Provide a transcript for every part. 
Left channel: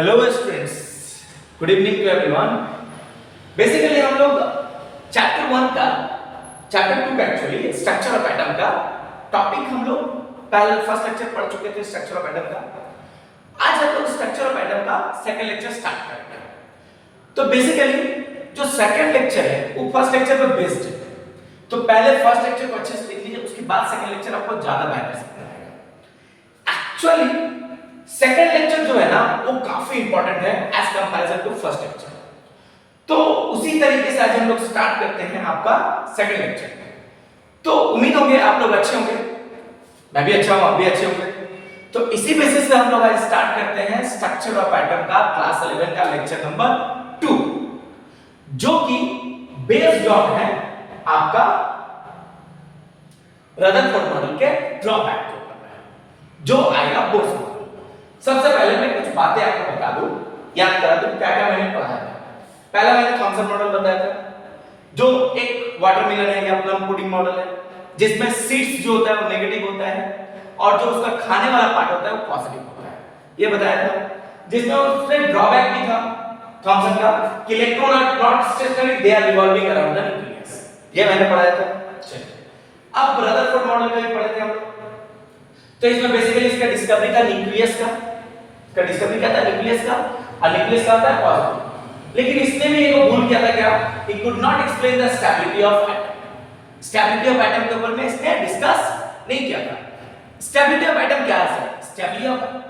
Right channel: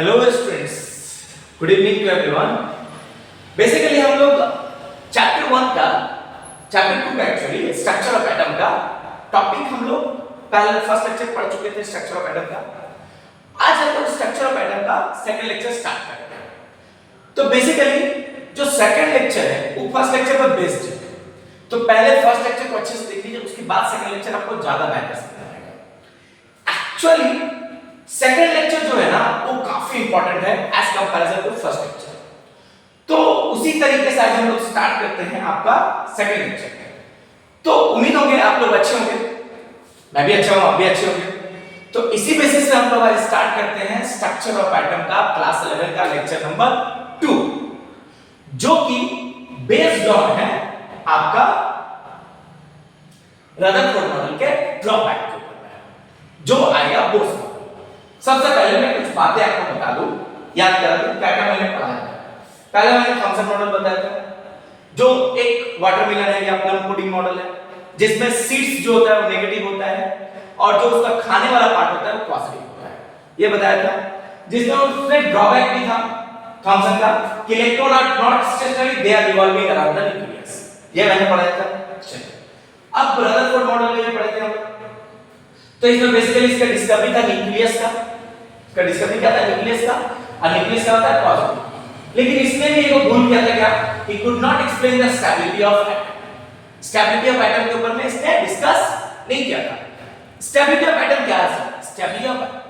Hello students, good evening to everyone. Basically हम लोग chapter 1 का चैप्टर 2 का एक्चुअली स्ट्रक्चर ऑफ एटम का टॉपिक हम लोग पहले फर्स्ट लेक्चर पढ़ चुके थे स्ट्रक्चर ऑफ एटम का। आज हम लोग स्ट्रक्चर ऑफ एटम का सेकंड लेक्चर स्टार्ट करते हैं। तो बेसिकली जो सेकंड लेक्चर है वो फर्स्ट लेक्चर पर बेस्ड है, तो पहले फर्स्ट लेक्चर को अच्छे से देख लीजिए, उसके बाद सेकंड लेक्चर आपको ज्यादा बेहतर समझ आएगा। एक्चुअली सेकंड लेक्चर जो है ना वो काफी इंपॉर्टेंट है as comparison to first lecture. तो उसी तरीके से आज हम लोग स्टार्ट करते हैं आपका सेकंड लेक्चर। तो उम्मीद होंगे आप लोग अच्छे होंगे, मैं भी अच्छा हूं, आप भी अच्छे होंगे। तो इसी बेसिस पे हम लोग आज स्टार्ट करते हैं स्ट्रक्चर ऑफ एटम का क्लास 11 का लेक्चर नंबर 2, जो कि बेस्ड ऑन है आपका रदरफोर्ड मॉडल के ड्रॉबैक के ऊपर है, जो आएगा बोर्ड्स में। सबसे पहले मैं कुछ बातें आपको बता दूं, याद करा दूं क्या क्या मैंने पढ़ाया था। पहले मैंने थॉमसन मॉडल बताया था, जो एक वाटरमेलन है या प्लम पुडिंग मॉडल है, जिसमें सीड्स जो होता है वो नेगेटिव होता है और जो उसका खाने वाला पार्ट होता है वो पॉजिटिव होता है, ये बताया था। जिसमें उसमें ड्रॉबैक भी था थॉमसन का कि electron are not stationary, they are revolving around the nucleus, ये मैंने पढ़ाया था। चलिए अब रदरफोर्ड मॉडल में भी पढ़े थे हम। तो इसमें बेसिकली इसका डिस्कवरी था न्यूक्लियस का, इसका डिस्कवरी क्या था न्यूक्लियस का, और न्यूक्लियस का होता है पॉजिटिव। लेकिन इसने भी एक भूल किया था, क्या he could not explain the stability of atom. Stability of atom के ऊपर में इसने डिस्कस नहीं किया था। स्टेबिलिटी ऑफ एटम क्या है?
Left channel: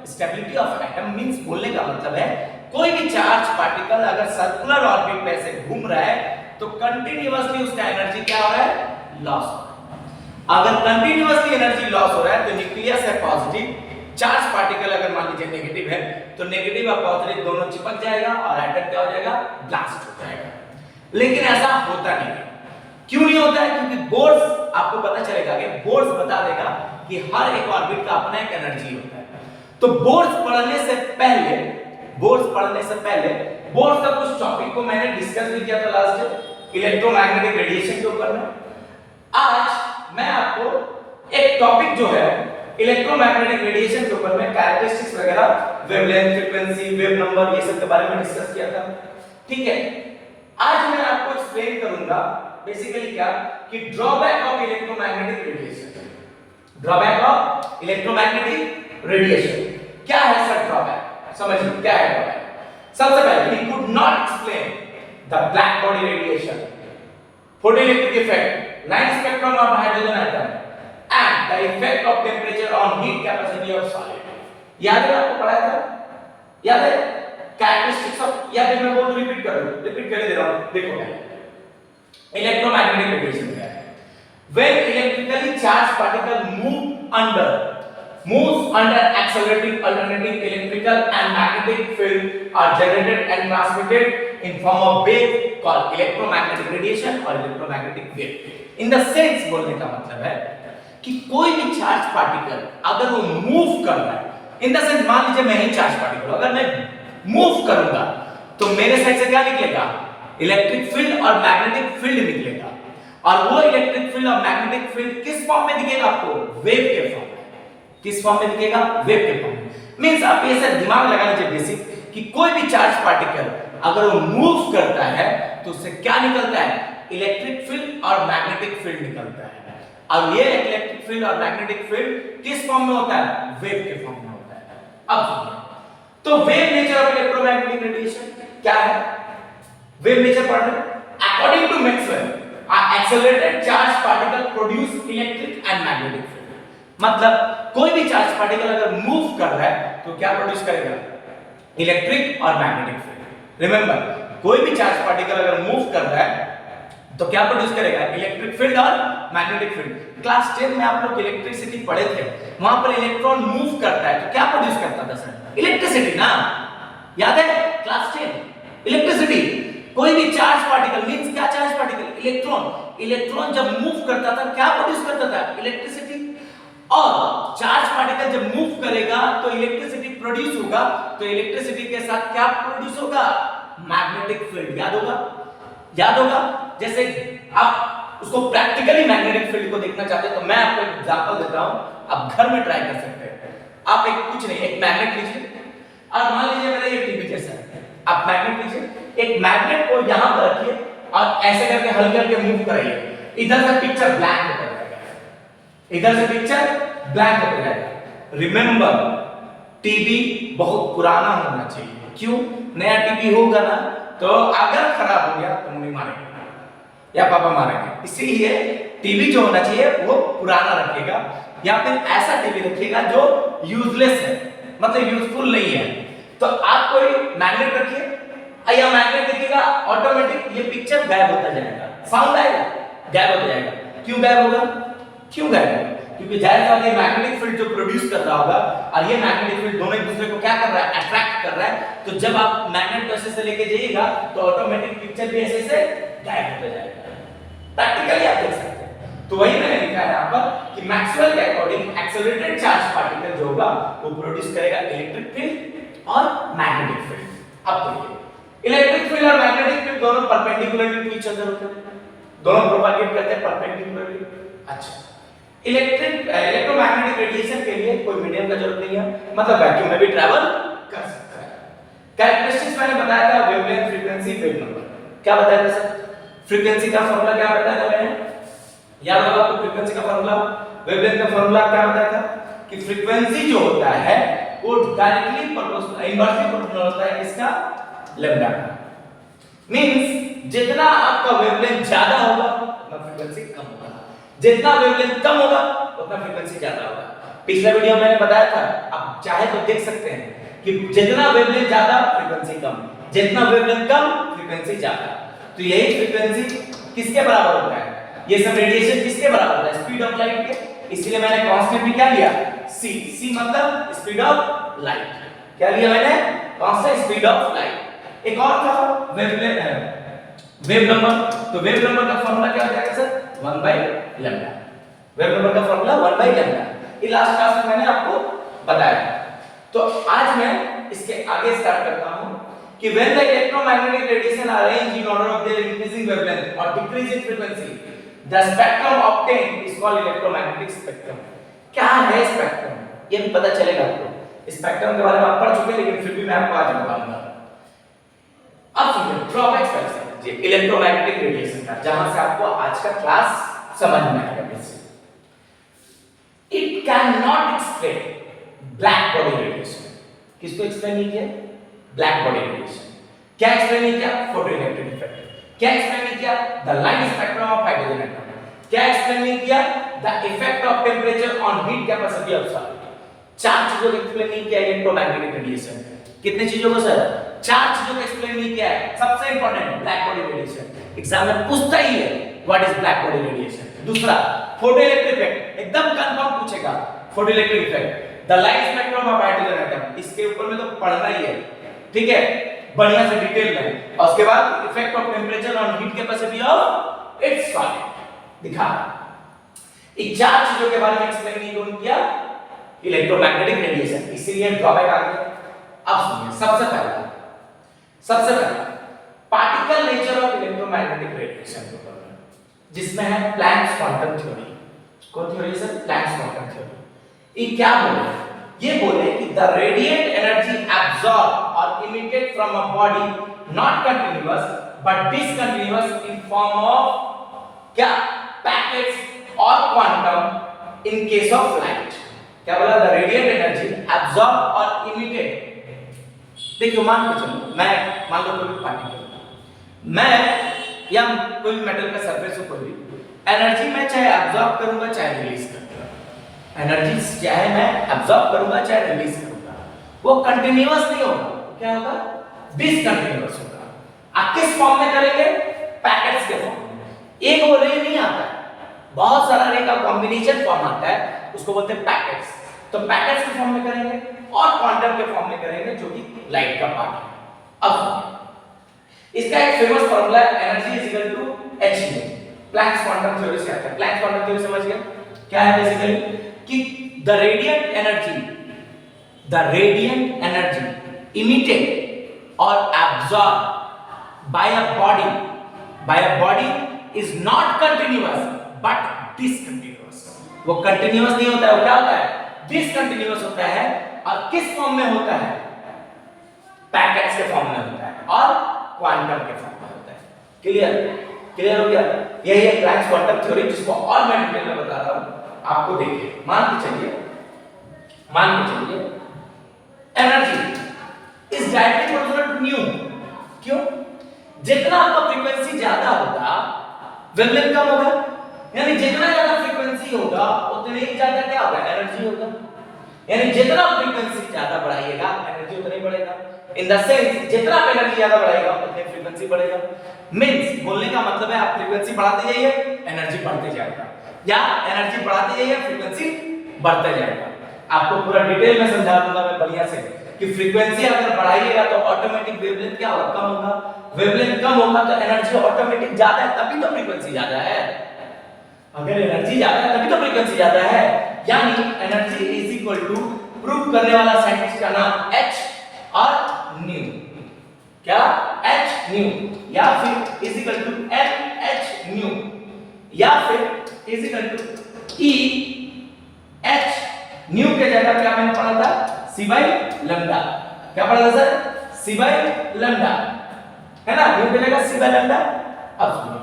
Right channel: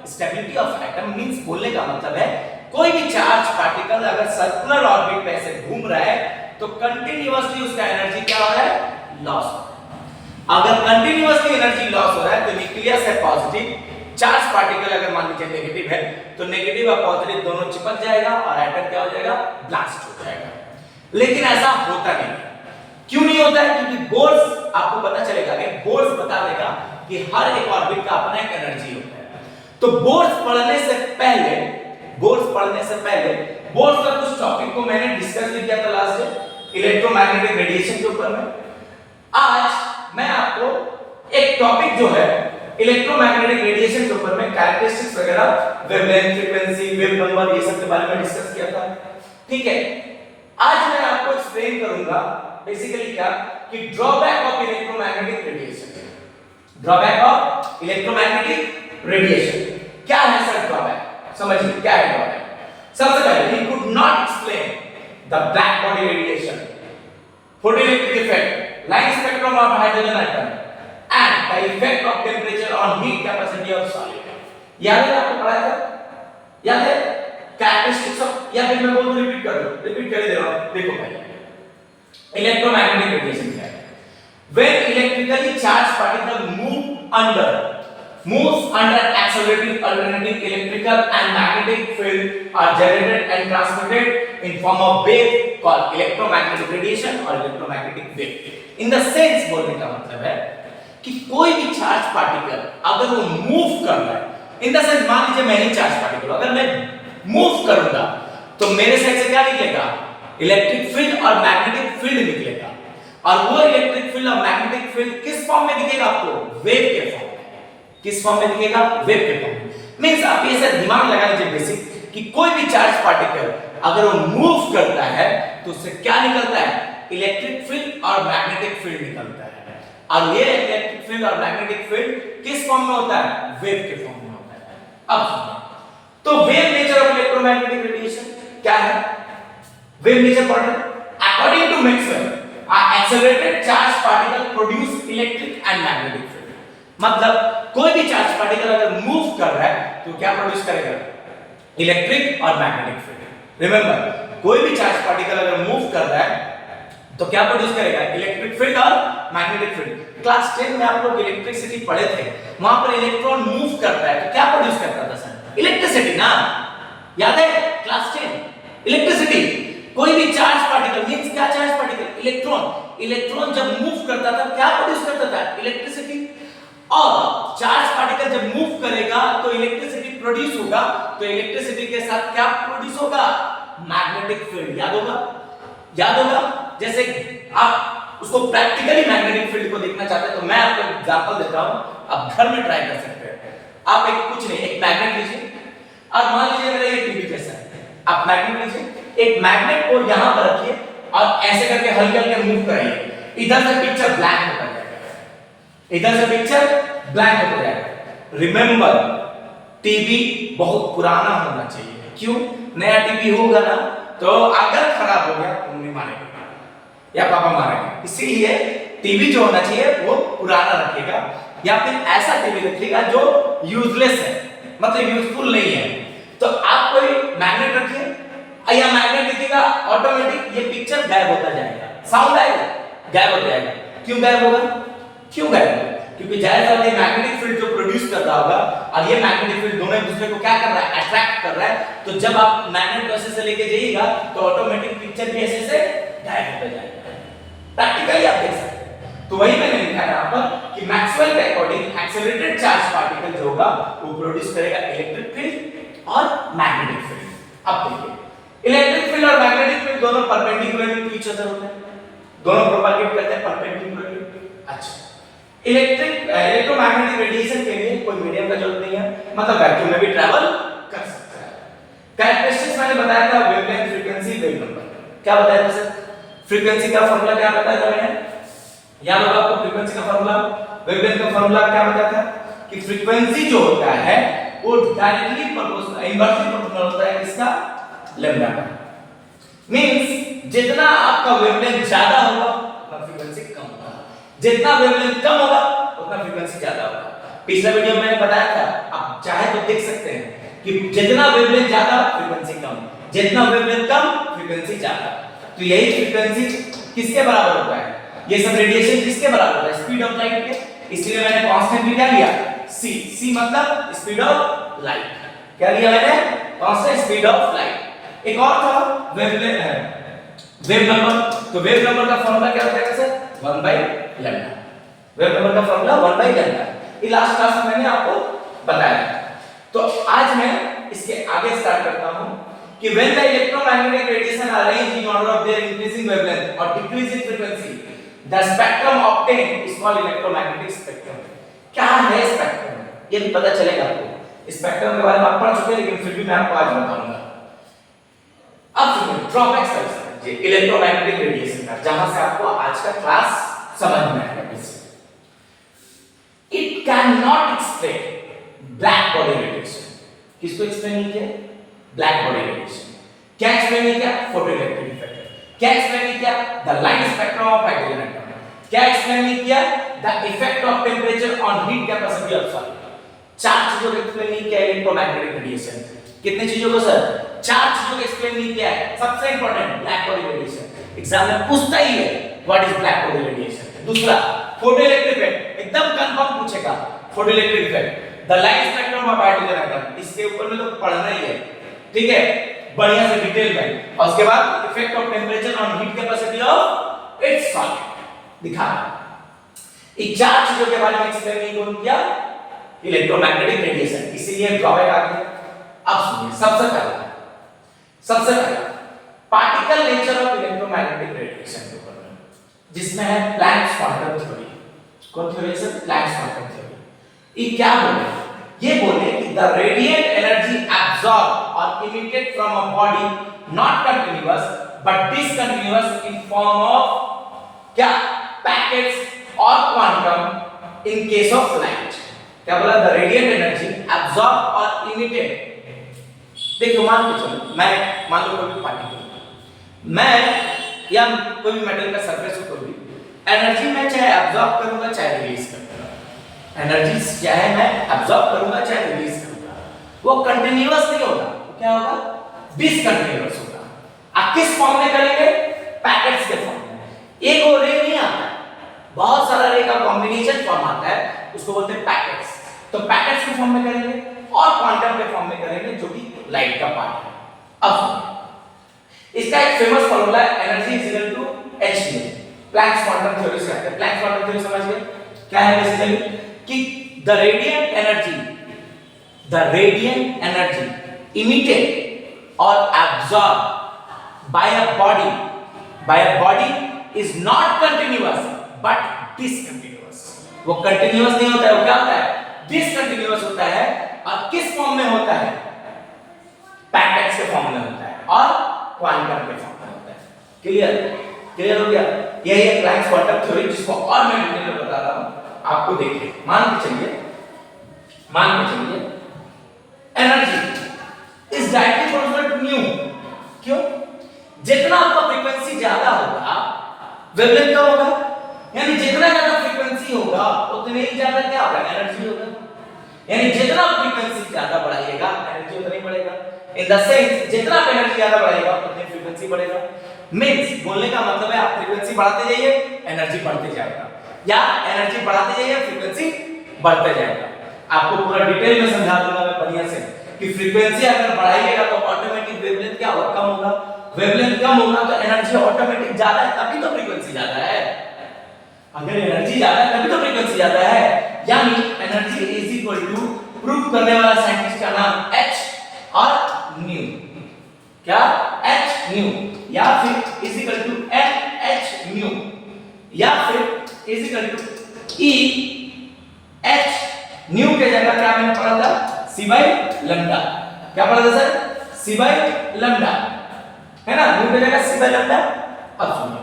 स्टेबिलिटी ऑफ एटम मींस, बोलने का मतलब है कोई भी चार्ज पार्टिकल अगर सर्कुलर ऑर्बिट पे ऐसे घूम रहा है तो कंटीन्यूअसली उसका एनर्जी क्या हो रहा है? लॉस हो रहा है। अगर कंटीन्यूअसली एनर्जी लॉस हो रहा है तो न्यूक्लियस है पॉजिटिव, चार्ज पार्टिकल अगर मान लीजिए नेगेटिव है तो नेगेटिव और पॉजिटिव दोनों चिपक जाएगा और एटम क्या हो जाएगा? ब्लास्ट हो जाएगा। लेकिन ऐसा होता नहीं है। क्यों नहीं होता है? क्योंकि बोर्ड्स, आपको पता चलेगा कि बोर्ड्स बता देगा कि हर एक ऑर्बिट का अपना एक एनर्जी होता है। तो बोर्ड्स पढ़ने से पहले बोर्ड्स का कुछ टॉपिक को मैंने डिस्कस भी किया था लास्ट डे, इलेक्ट्रोमैग्नेटिक रेडिएशन के ऊपर में। आज मैं आपको एक टॉपिक जो है इलेक्ट्रोमैग्नेटिक रेडिएशन के ऊपर में कैरेक्टरिस्टिक्स वगैरह, वेवलेंथ, फ्रीक्वेंसी, वेव नंबर, ये सब के बारे में डिस्कस किया था। ठीक है, आज मैं आपको एक्सप्लेन करूंगा बेसिकली क्या कि drawback of electromagnetic radiation. Drawback of electromagnetic radiation क्या है सर? ड्रॉबैक समझिए क्या है ड्रॉबैक। सबसे पहले he could not explain the black body radiation, photoelectric effect, line spectrum of hydrogen atom and the effect of temperature on heat capacity of solid। याद है आपको पढ़ाया था? याद है कैरेक्टरिस्टिक्स ऑफ, या फिर मैं बोल रिपीट कर दे रहा हूं। देखो भाई, इलेक्ट्रोमैग्नेटिक रेडिएशन क्या है? when electrically charged particle moves under accelerating alternating electrical and magnetic field are generated and transmitted in form of wave called electromagnetic radiation or electromagnetic wave। in the sense, बोलने का मतलब है कि कोई भी charge particle अगर वो move कर रहा है, इन द सेंस मान लीजिए मैं ही चार्ज पार्टिकल, अगर मैं मूव करूंगा तो मेरे साइड से क्या निकलेगा? इलेक्ट्रिक फील्ड और मैग्नेटिक फील्ड निकलेगा। और वो इलेक्ट्रिक फील्ड और मैग्नेटिक फील्ड किस फॉर्म में दिखेगा आपको? वेव के फॉर्म में। किस फॉर्म में दिखेगा? वेव के फॉर्म में। मींस आप ऐसे दिमाग लगा लीजिए बेसिक कि कोई भी चार्ज पार्टिकल अगर वो मूव करता है तो उससे क्या निकलता है? इलेक्ट्रिक फील्ड और मैग्नेटिक फील्ड निकलता है। और ये इलेक्ट्रिक फील्ड और मैग्नेटिक फील्ड किस फॉर्म में होता है? वेव के फॉर्म में होता है। अब सुनिए, तो wave nature of electromagnetic radiation क्या है? वेव नेचर पढ़ रहे हैं। According to Maxwell, accelerated charge particle produce electric and magnetic field. मतलब कोई भी चार्ज पार्टिकल अगर मूव कर रहा है तो क्या प्रोड्यूस करेगा? इलेक्ट्रिक और मैग्नेटिक फील्ड। रिमेंबर, कोई भी चार्ज पार्टिकल अगर मूव कर रहा है तो क्या प्रोड्यूस करेगा? इलेक्ट्रिक फील्ड और मैग्नेटिक फील्ड। क्लास 10 में आप लोग इलेक्ट्रिसिटी पढ़े थे, वहां पर इलेक्ट्रॉन मूव करता है तो क्या प्रोड्यूस करता था सर? इलेक्ट्रिसिटी ना, याद है क्लास 10? इलेक्ट्रिसिटी। कोई भी चार्ज पार्टिकल मींस क्या? चार्ज पार्टिकल इलेक्ट्रॉन जब मूव करता था क्या प्रोड्यूस करता था? इलेक्ट्रिसिटी। और चार्ज पार्टिकल जब मूव करेगा तो इलेक्ट्रिसिटी प्रोड्यूस होगा, तो इलेक्ट्रिसिटी के साथ क्या प्रोड्यूस होगा? Magnetic field. याद होगा। जैसे आप उसको प्रैक्टिकली मैग्नेटिक फील्ड को देखना चाहते हैं तो मैं आपको एग्जांपल देता हूं, आप घर में ट्राई कर सकते हैं। आप एक कुछ नहीं, एक मैग्नेट लीजिए और मान लीजिए मेरा ये टीवी आप मैग्नेट लीजिए, एक मैग्नेट को यहां पर रखिए और ऐसे करके हल्के हल्के मूव कराइए, इधर से पिक्चर ब्लैंक होता जाएगा, इधर से पिक्चर ब्लैंक होता जाएगा। रिमेंबर, टीवी बहुत पुराना होना चाहिए। क्यों? नया टीवी होगा ना तो अगर खराब हो गया तो मम्मी मारेगी या पापा मारेंगे, इसीलिए टीवी जो होना चाहिए वो पुराना रखिएगा, या फिर ऐसा टीवी रखिएगा जो यूजलेस है, मतलब यूजफुल नहीं है। तो आप कोई मैग्नेट रखिए या मैग्नेट देखिएगा, ऑटोमेटिक ये पिक्चर गायब होता जाएगा, साउंड आएगा गायब हो जाएगा। क्यों गायब होगा? क्यों गायब होगा? क्योंकि जाहिर बात है मैग्नेटिक फील्ड जो प्रोड्यूस कर रहा होगा और ये मैग्नेटिक फील्ड दोनों एक दूसरे को क्या कर रहा है, अट्रैक्ट कर रहा है। तो जब आप मैग्नेट को ऐसे से लेके जाइएगा तो ऑटोमेटिक पिक्चर भी ऐसे से गायब होता जाएगा। प्रैक्टिकली आप देख सकते हैं। तो वही मैंने लिखा है यहाँ पर कि मैक्सवेल के अकॉर्डिंग एक्सेलरेटेड चार्ज पार्टिकल जो होगा वो प्रोड्यूस करेगा इलेक्ट्रिक फील्ड और मैग्नेटिक फील्ड। अब देखिए इलेक्ट्रिक फील्ड और मैग्नेटिक फील्ड दोनों परपेंडिकुलरली टू ईच अदर होते हैं, दोनों प्रोपगेट करते हैं परपेंडिकुलरली। अच्छा, इलेक्ट्रोमैग्नेटिक रेडिएशन के लिए कोई मीडियम का जरूरत नहीं है, मतलब वैक्यूम में भी ट्रैवल कर सकता है। कैरेक्टरिस्टिक्स मैंने बताया था, वेवलेंथ, फ्रीक्वेंसी, वेव नंबर। क्या बताया था सर? फ्रीक्वेंसी का फार्मूला क्या बताया था मैंने? याद होगा आपको फ्रीक्वेंसी का फार्मूला, वेवलेंथ का फार्मूला क्या बताया था कि फ्रीक्वेंसी जो होता है वो डायरेक्टली प्रोपोर्शनल, इनवर्सली प्रोपोर्शनल होता है किसका? लैम्डा का। मींस जितना आपका वेवलेंथ ज्यादा होगा उतना फ्रीक्वेंसी कम होगा, जितना वेवलेंथ कम होगा उतना फ्रीक्वेंसी ज्यादा होगा। पिछले वीडियो में मैंने बताया था, आप चाहे तो देख सकते हैं कि जितना वेवलेंथ ज्यादा फ्रीक्वेंसी कम, जितना वेवलेंथ कम फ्रीक्वेंसी ज्यादा। तो यही फ्रीक्वेंसी किसके बराबर होता है? ये सब रेडिएशन किसके बराबर होता है? स्पीड ऑफ लाइट के। इसलिए मैंने कांस्टेंट भी क्या लिया? c। c मतलब स्पीड ऑफ लाइट। क्या लिया मैंने? Constant speed of light. एक और था वेव नंबर। तो वेव नंबर का फार्मूला क्या होता है सर? 1/λ। वेव नंबर का फार्मूला 1/λ। ये लास्ट क्लास में मैंने आपको बताया। तो आज मैं इसके आगे स्टार्ट करता हूं कि when the electromagnetic radiation arrange in order of their increasing wavelength or decreasing frequency, the spectrum obtained is called electromagnetic spectrum। क्या है स्पेक्ट्रम? ये भी पता चलेगा आपको। स्पेक्ट्रम के बारे में आप पढ़ चुके हैं, लेकिन फिर भी मैं आपको आज बताऊंगा। अब सुनिए ड्रॉबैक्स पहले समझिए इलेक्ट्रोमैग्नेटिक रेडिएशन का, जहां से आपको आज का क्लास समझ में आएगा। It can not explain black body radiation. किसको एक्सप्लेन नहीं किया? Black body radiation. क्या एक्सप्लेन नहीं किया? Photoelectric effect. क्या एक्सप्लेन नहीं किया? The light spectrum of hydrogen atom. क्या एक्सप्लेन नहीं किया? The effect of temperature on heat capacity of solid. चार चीजों को एक्सप्लेन नहीं किया इलेक्ट्रोमैग्नेटिक रेडिएशन। कितने चीजों को सर? चार चीजों को एक्सप्लेन नहीं किया है। सबसे important black body radiation, exam में पूछता ही है what is black body radiation. दूसरा फोटोइलेक्ट्रिक इफेक्ट, एकदम कंफर्म पूछेगा photoelectric effect. The light spectrum of hydrogen atom, इसके ऊपर में तो पढ़ना ही है, ठीक है, बढ़िया से डिटेल में। और उसके बाद effect of temperature on heat capacity of its solid दिखा। इन चार चीजों के बारे में एक्सप्लेन नहीं किया इलेक्ट्रोमैग्नेटिक रेडिएशन, इसीलिए ड्रॉबैक आ गया। अब सुनिए सबसे पहला particle nature of electromagnetic radiation के ऊपर में, जिसमें है प्लैंक्स क्वांटम थ्योरी। कौन theory sir? Planck's quantum theory. ये क्या बोले? ये बोले कि द रेडिएंट एनर्जी एब्सॉर्ब और emitted from a body not continuous but discontinuous in form of क्या? पैकेट्स और quantum in case of light. क्या बोला? द रेडिएंट एनर्जी एब्सॉर्ब और इमिटेड। देखिए मान के चलो, मैं मान लो कोई भी पार्टिकल, मैं या कोई भी मेटल का सरफेस हो, कोई भी एनर्जी मैं चाहे एब्सॉर्ब करूंगा चाहे रिलीज करूंगा, एनर्जी चाहे मैं एब्सॉर्ब करूंगा चाहे रिलीज करूंगा, वो कंटीन्यूअस नहीं होगा। क्या होगा? डिसकंटीन्यूअस होगा। आप किस फॉर्म में करेंगे? पैकेट्स के फॉर्म में। एक और रे नहीं आता, बहुत सारा रे का कॉम्बिनेशन फॉर्म आता है, उसको बोलते हैं पैकेट्स। तो पैकेट्स के फॉर्म में करेंगे और क्वांटम के फॉर्म में करेंगे, जो कि लाइट का पार्ट है। अब इसका एक फेमस फार्मूला है energy is equal to h। Planck's quantum theory से आता है। प्लैंक्स क्वांटम थ्योरी समझ गए? क्या है बेसिकली कि द रेडिएंट एनर्जी इमिटेड और absorb by a body is not continuous but discontinuous. वो कंटीन्यूअस नहीं होता है, वो क्या होता है? डिसकंटीन्यूअस होता है। और किस फॉर्म में होता है? पैकेट्स के फॉर्म में होता है। और क्वांटम के फॉर्म में होता है। क्लियर क्लियर हो गया? यही है प्लैंक्स क्वांटम थ्योरी, जिसको और मैं डिटेल में बता रहा हूं आपको। देखिए मान के चलिए energy is directly proportional to nu. क्यों? जितना आपका फ्रीक्वेंसी ज्यादा होगा वेवलेंथ कम होगा, यानी जितना ज्यादा फ्रीक्वेंसी होगा उतने ही ज्यादा क्या होगा, एनर्जी होगा। यानी जितना फ्रीक्वेंसी ज्यादा बढ़ाइएगा एनर्जी उतना ही बढ़ेगा। इन द सेंस जितना आप एनर्जी ज्यादा बढ़ाएगा उतनी फ्रीक्वेंसी बढ़ेगा। मींस बोलने का मतलब है आप फ्रीक्वेंसी बढ़ाते जाइए एनर्जी बढ़ते जाएगा, या एनर्जी बढ़ाते जाइए फ्रीक्वेंसी बढ़ते जाएगा। आपको पूरा डिटेल में समझा दूंगा मैं बढ़िया से कि फ्रीक्वेंसी अगर बढ़ाइएगा तो ऑटोमेटिक वेवलेंथ क्या होगा, कम होगा। वेवलेंथ कम होगा तो एनर्जी ऑटोमेटिक ज्यादा है, तभी तो फ्रीक्वेंसी ज्यादा है। अगर एनर्जी ज्यादा है तभी तो फ्रीक्वेंसी ज्यादा है। यानी energy is equal to, prove करने वाला साइंटिस्ट का नाम एच और न्यू, क्या एच न्यू, या फिर is equal to n h nu, या फिर is equal to E h nu के जगह क्या मैंने पढ़ा था, सी बाई लैम्डा। क्या पढ़ा था सर? सी बाई लैम्डा, है ना? न्यू की जगह सी बाई लैम्डा। अब सुनिए,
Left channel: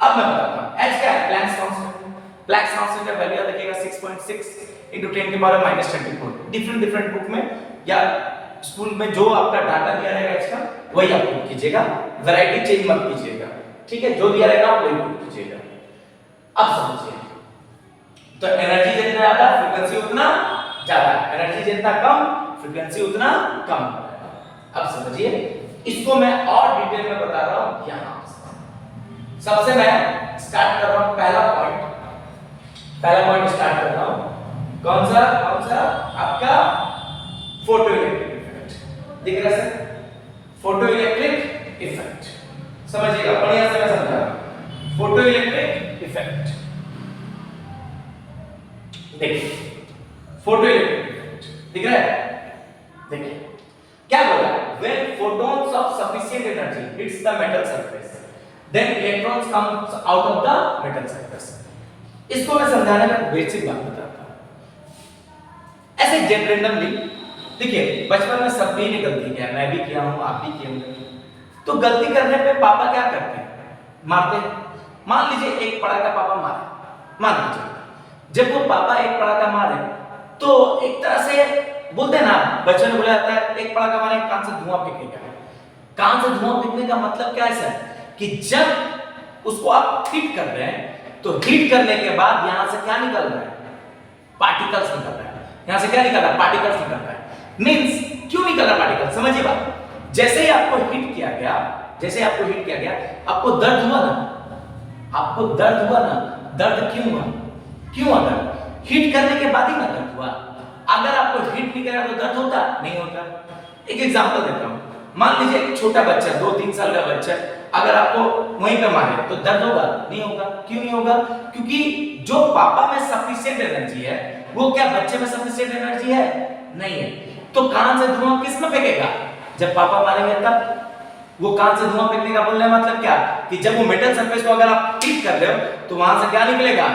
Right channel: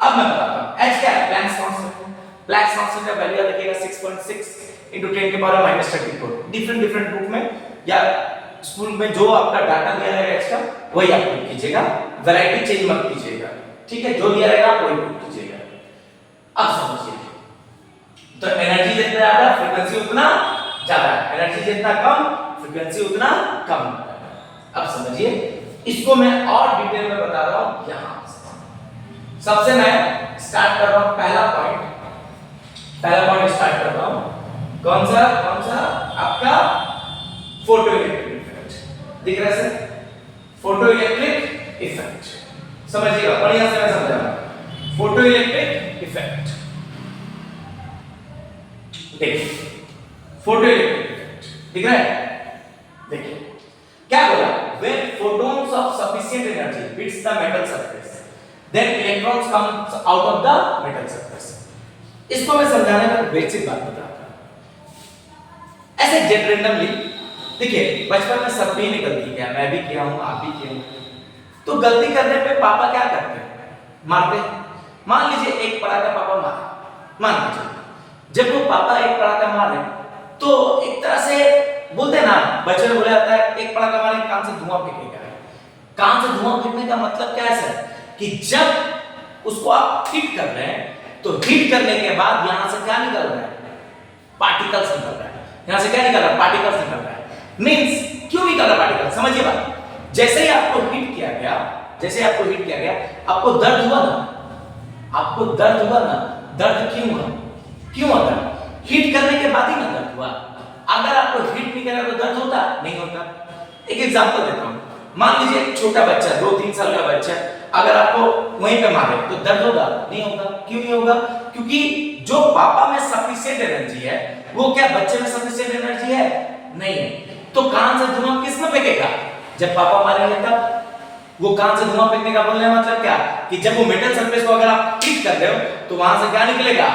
अब मैं बताता हूं एच क्या है, प्लैंक्स कांस्टेंट। प्लैंक्स कांस्टेंट का वैल्यू देखिएगा 6.6 × 10 की पावर -34। डिफरेंट बुक में या स्कूल में जो आपका डाटा दिया रहेगा एच का वही आप पुट कीजिएगा, वैरायटी चेंज मत कीजिएगा, ठीक है? जो दिया रहेगा वही पुट कीजिएगा। अब समझिए, तो एनर्जी जितना ज्यादा फ्रीक्वेंसी उतना ज्यादा, एनर्जी जितना कम फ्रीक्वेंसी उतना कम। अब समझिए, इसको मैं और डिटेल में बता रहा हूं यहां से। सबसे मैं स्टार्ट कर रहा हूं पहला पॉइंट स्टार्ट कर रहा हूं। कौन सा आपका फोटो इलेक्ट्रिक इफेक्ट दिख रहा है सर? फोटो इलेक्ट्रिक इफेक्ट समझिएगा, बढ़िया से मैं समझा रहा हूं। फोटो इलेक्ट्रिक इफेक्ट देखिए, फोटो इलेक्ट्रिक इफेक्ट दिख रहा है? देखिए क्या बोला, when photons of sufficient energy hits the metal surface then electrons comes out of the metal surface। इसको मैं समझाने का बेसिक बात बताता हूं। ऐसे जनरली देखिए, बचपन में सब भी ने गलती किया, मैं भी किया हूं, आप भी किए होंगे। तो गलती करने पे पापा क्या करते हैं, मारते हैं। मान लीजिए एक पड़ाका पापा मारे, मान लीजिए जब वो पापा एक पड़ाका मारे तो एक तरह से बोलते हैं ना, बच्चे ने बोला जाता है एक पड़ाका मारे कान से धुआं फेंकेगा। कान से धुआं फेंकने का मतलब क्या है सर, कि जब उसको आप हिट कर रहे हैं तो हिट करने के बाद यहां से क्या निकल रहा है, पार्टिकल्स निकल रहा है। यहां से क्या निकल रहा है, पार्टिकल्स निकल रहा है। मींस क्यों निकल रहा है पार्टिकल, समझिए बात। जैसे ही आपको हिट किया गया, आपको दर्द हुआ ना, दर्द क्यों हुआ दर्द? हिट करने के बाद ही ना दर्द हुआ। अगर आपको हिट नहीं करा तो दर्द होता नहीं होता। एक एग्जांपल देता हूं, मान लीजिए एक छोटा बच्चा 2-3 साल का बच्चा अगर आपको वहीं पे मारे तो दर्द होगा नहीं होगा? क्यों नहीं होगा? क्योंकि जो पापा में सफिशिएंट एनर्जी है वो क्या बच्चे में सफिशिएंट एनर्जी है? नहीं है। तो कान से धुआं किस में फेंकेगा, जब पापा मारेंगे तब। वो कान से धुआं फेंकने का बोलने का मतलब क्या, कि जब वो मेटल सरफेस को अगर आप हिट कर रहे हो तो वहां से क्या निकलेगा,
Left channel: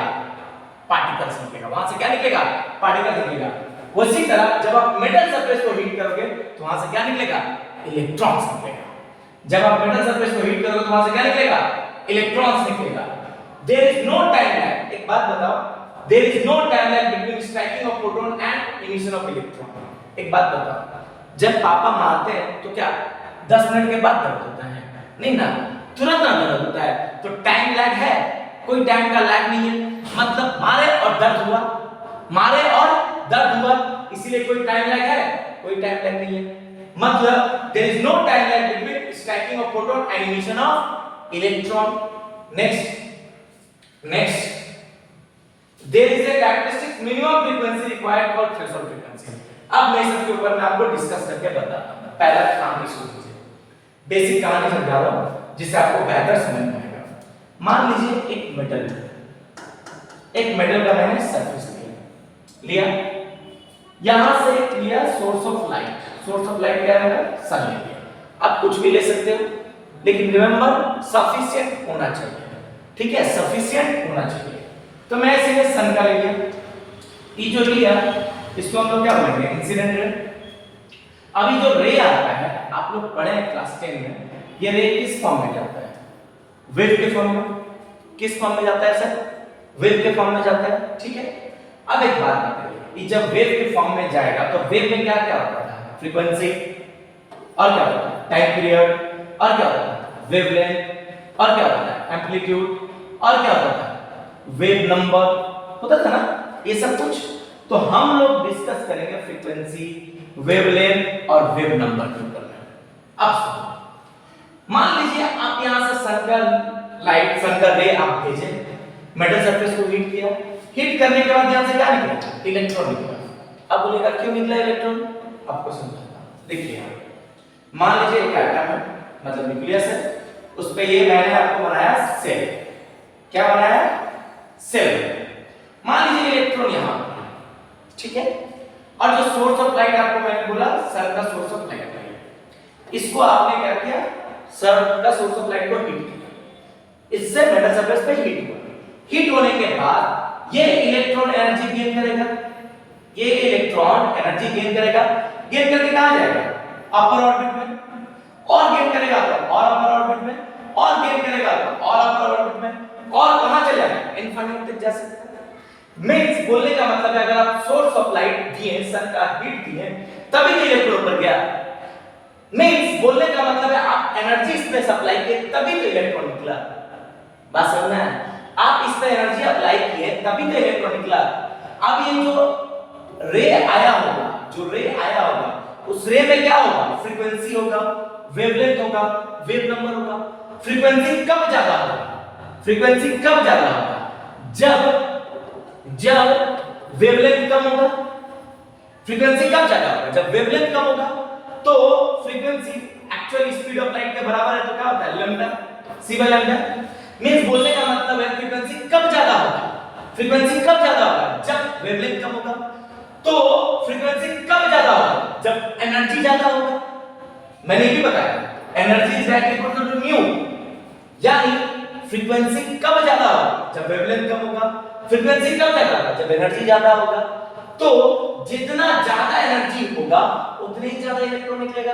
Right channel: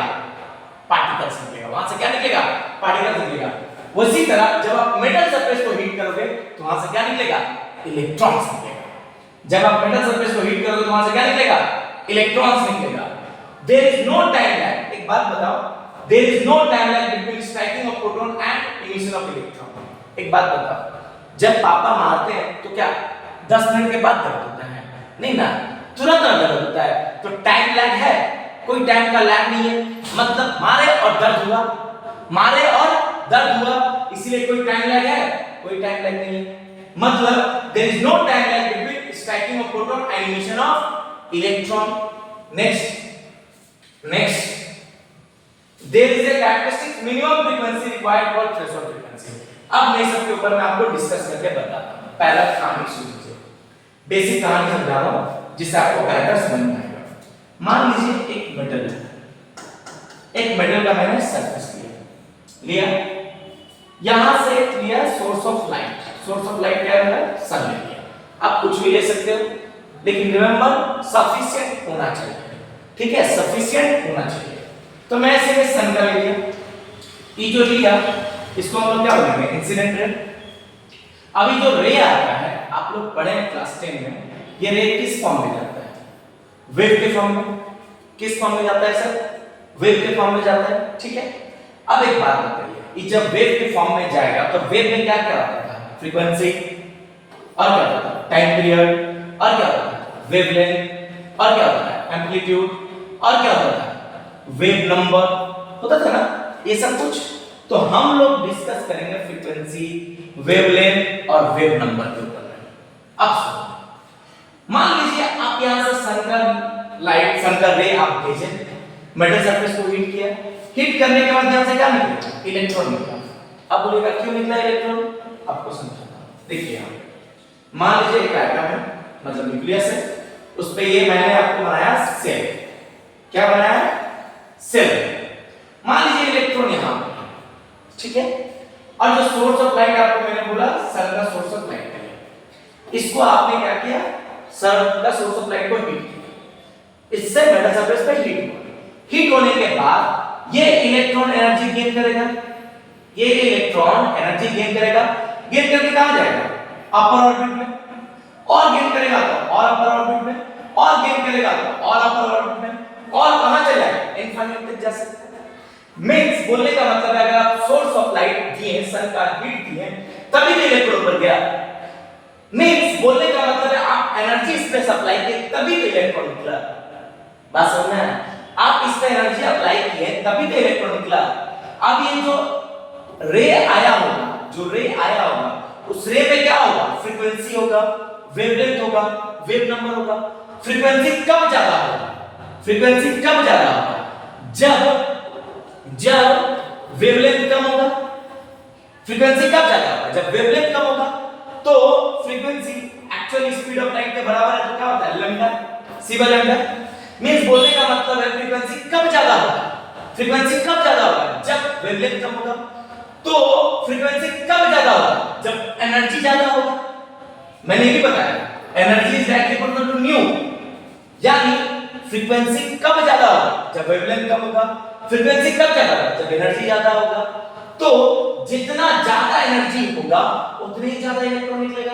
पार्टिकल्स निकलेगा। वहां से क्या निकलेगा, पार्टिकल्स निकलेगा। उसी तरह जब आप मेटल सरफेस को हीट करोगे तो वहां से क्या निकलेगा, इलेक्ट्रॉन्स निकलेगा। जब आप मेटल सरफेस को हीट करोगे तो वहां से क्या निकलेगा, इलेक्ट्रॉन्स निकलेगा। There is no time lag, एक बात बताओ, there is no time lag between striking of proton and emission of electron. एक बात बताओ, जब पापा मारते हैं तो क्या 10 मिनट के बाद दर्द होता है? नहीं ना, तुरंत दर्द होता है। तो टाइम लैग है, कोई टाइम का लैग नहीं है। मतलब मारे और दर्द हुआ, इसलिए कोई टाइम लैग है? कोई टाइम लैग नहीं है। मतलब there is no time lag between striking of proton and emission of electron। next there is a characteristic minimum frequency required for threshold frequency। अब मैं सबके ऊपर मैं आपको डिस्कस करके बताता हूं। पहला कहानी सुनिए, बेसिक कहानी समझा रहा हूं जिससे आपको बेहतर समझ में आएगा। मान लीजिए एक मेटल का मैंने सरफेस लिया, यहां से लिया सोर्स ऑफ लाइट क्या है, सन ले लिया। आप कुछ भी ले सकते हो, लेकिन रिमेंबर सफिशिएंट होना चाहिए, ठीक है, सफिशिएंट होना चाहिए। तो मैं ऐसे सन का ले लिया, ये जो लिया इसको हम लोग क्या बोलेंगे, इंसिडेंट रे। अभी जो रे आता है, आप लोग पढ़े हैं क्लास 10 में, ये रे किस फॉर्म में जाता है? वेव के फॉर्म में। किस फॉर्म में जाता है सर? वेव के फॉर्म में जाता है, ठीक है। अब एक बात बताइए कि जब वेव के फॉर्म में जाएगा तो वेव में क्या क्या होता था? फ्रीक्वेंसी, और क्या होता था? टाइम पीरियड, और क्या होता था? वेवलेंथ, और क्या होता था? एम्पलीट्यूड, और क्या होता था? वेव नंबर होता था ना, ये सब कुछ। तो हम लोग डिस्कस करेंगे फ्रीक्वेंसी, वेवलेंथ और वेव नंबर के ऊपर। अब सुनो, मान लीजिए आप यहां से सन का लाइट, सन का रे आप भेजे, मेटल सरफेस को हीट किया, हीट करने के बाद यहां से क्या निकला? इलेक्ट्रॉन निकला। अब बोलेगा क्यों निकला इलेक्ट्रॉन? आपको समझाता हूं। देखिए यहां मान लीजिए एक एटम है, मतलब न्यूक्लियस है, उस पे ये मैंने आपको बनाया सेल। क्या बनाया? सेल। मान लीजिए इलेक्ट्रॉन यहां पर, ठीक है। और जो सोर्स ऑफ लाइट आपको मैंने बोला सन का सोर्स ऑफ लाइट है, इसको आपने क्या किया? सन का सोर्स ऑफ लाइट को हीट किया, इससे मेटल सरफेस पे हीट हुआ। हीट होने के बाद ये इलेक्ट्रॉन एनर्जी गेन करेगा, ये इलेक्ट्रॉन एनर्जी गेन करेगा, गेन करके कहां जाएगा? अपर ऑर्बिट में, और गेन करेगा तो और अपर ऑर्बिट में, और गेन करेगा तो और अपर ऑर्बिट में, और कहां चला जाएगा? इनफाइनाइट तक जा सकता है। मींस बोलने का मतलब है अगर आप सोर्स ऑफ लाइट दिए, सन का हीट दिए, तभी तो इलेक्ट्रॉन ऊपर गया। मींस बोलने का मतलब है आप एनर्जी इस पे सप्लाई किए तभी तो इलेक्ट्रॉन निकला। बात समझना है? आप इस पे एनर्जी अप्लाई किए तभी तो इलेक्ट्रॉन निकला। अब ये जो रे आया होगा, जो रे आया होगा, उस रे में क्या होगा? फ्रीक्वेंसी होगा, वेवलेंथ होगा, वेव नंबर होगा। फ्रीक्वेंसी कब ज्यादा होगा? फ्रीक्वेंसी कब ज्यादा होगा? जब वेवलेंथ कम होगा। फ्रीक्वेंसी कब ज्यादा होगा? जब वेवलेंथ कम होगा। तो frequency actual speed of light के बराबर है, तो क्या होता है? Lambda, C by lambda. Means बोलने का मतलब है फ्रीक्वेंसी कब ज्यादा होगा? फ्रीक्वेंसी कब ज्यादा होगा? जब वेवलेंथ कम होगा। तो फ्रीक्वेंसी कब ज्यादा होगा? जब एनर्जी ज्यादा होगा। मैंने ये भी बताया energy is equal to nu, यानी फ्रीक्वेंसी कब ज्यादा होगा? जब वेवलेंथ कम होगा। फ्रीक्वेंसी कब ज्यादा होगा? जब एनर्जी ज्यादा होगा। तो जितना ज्यादा एनर्जी होगा उतनी ज्यादा इलेक्ट्रॉन निकलेगा।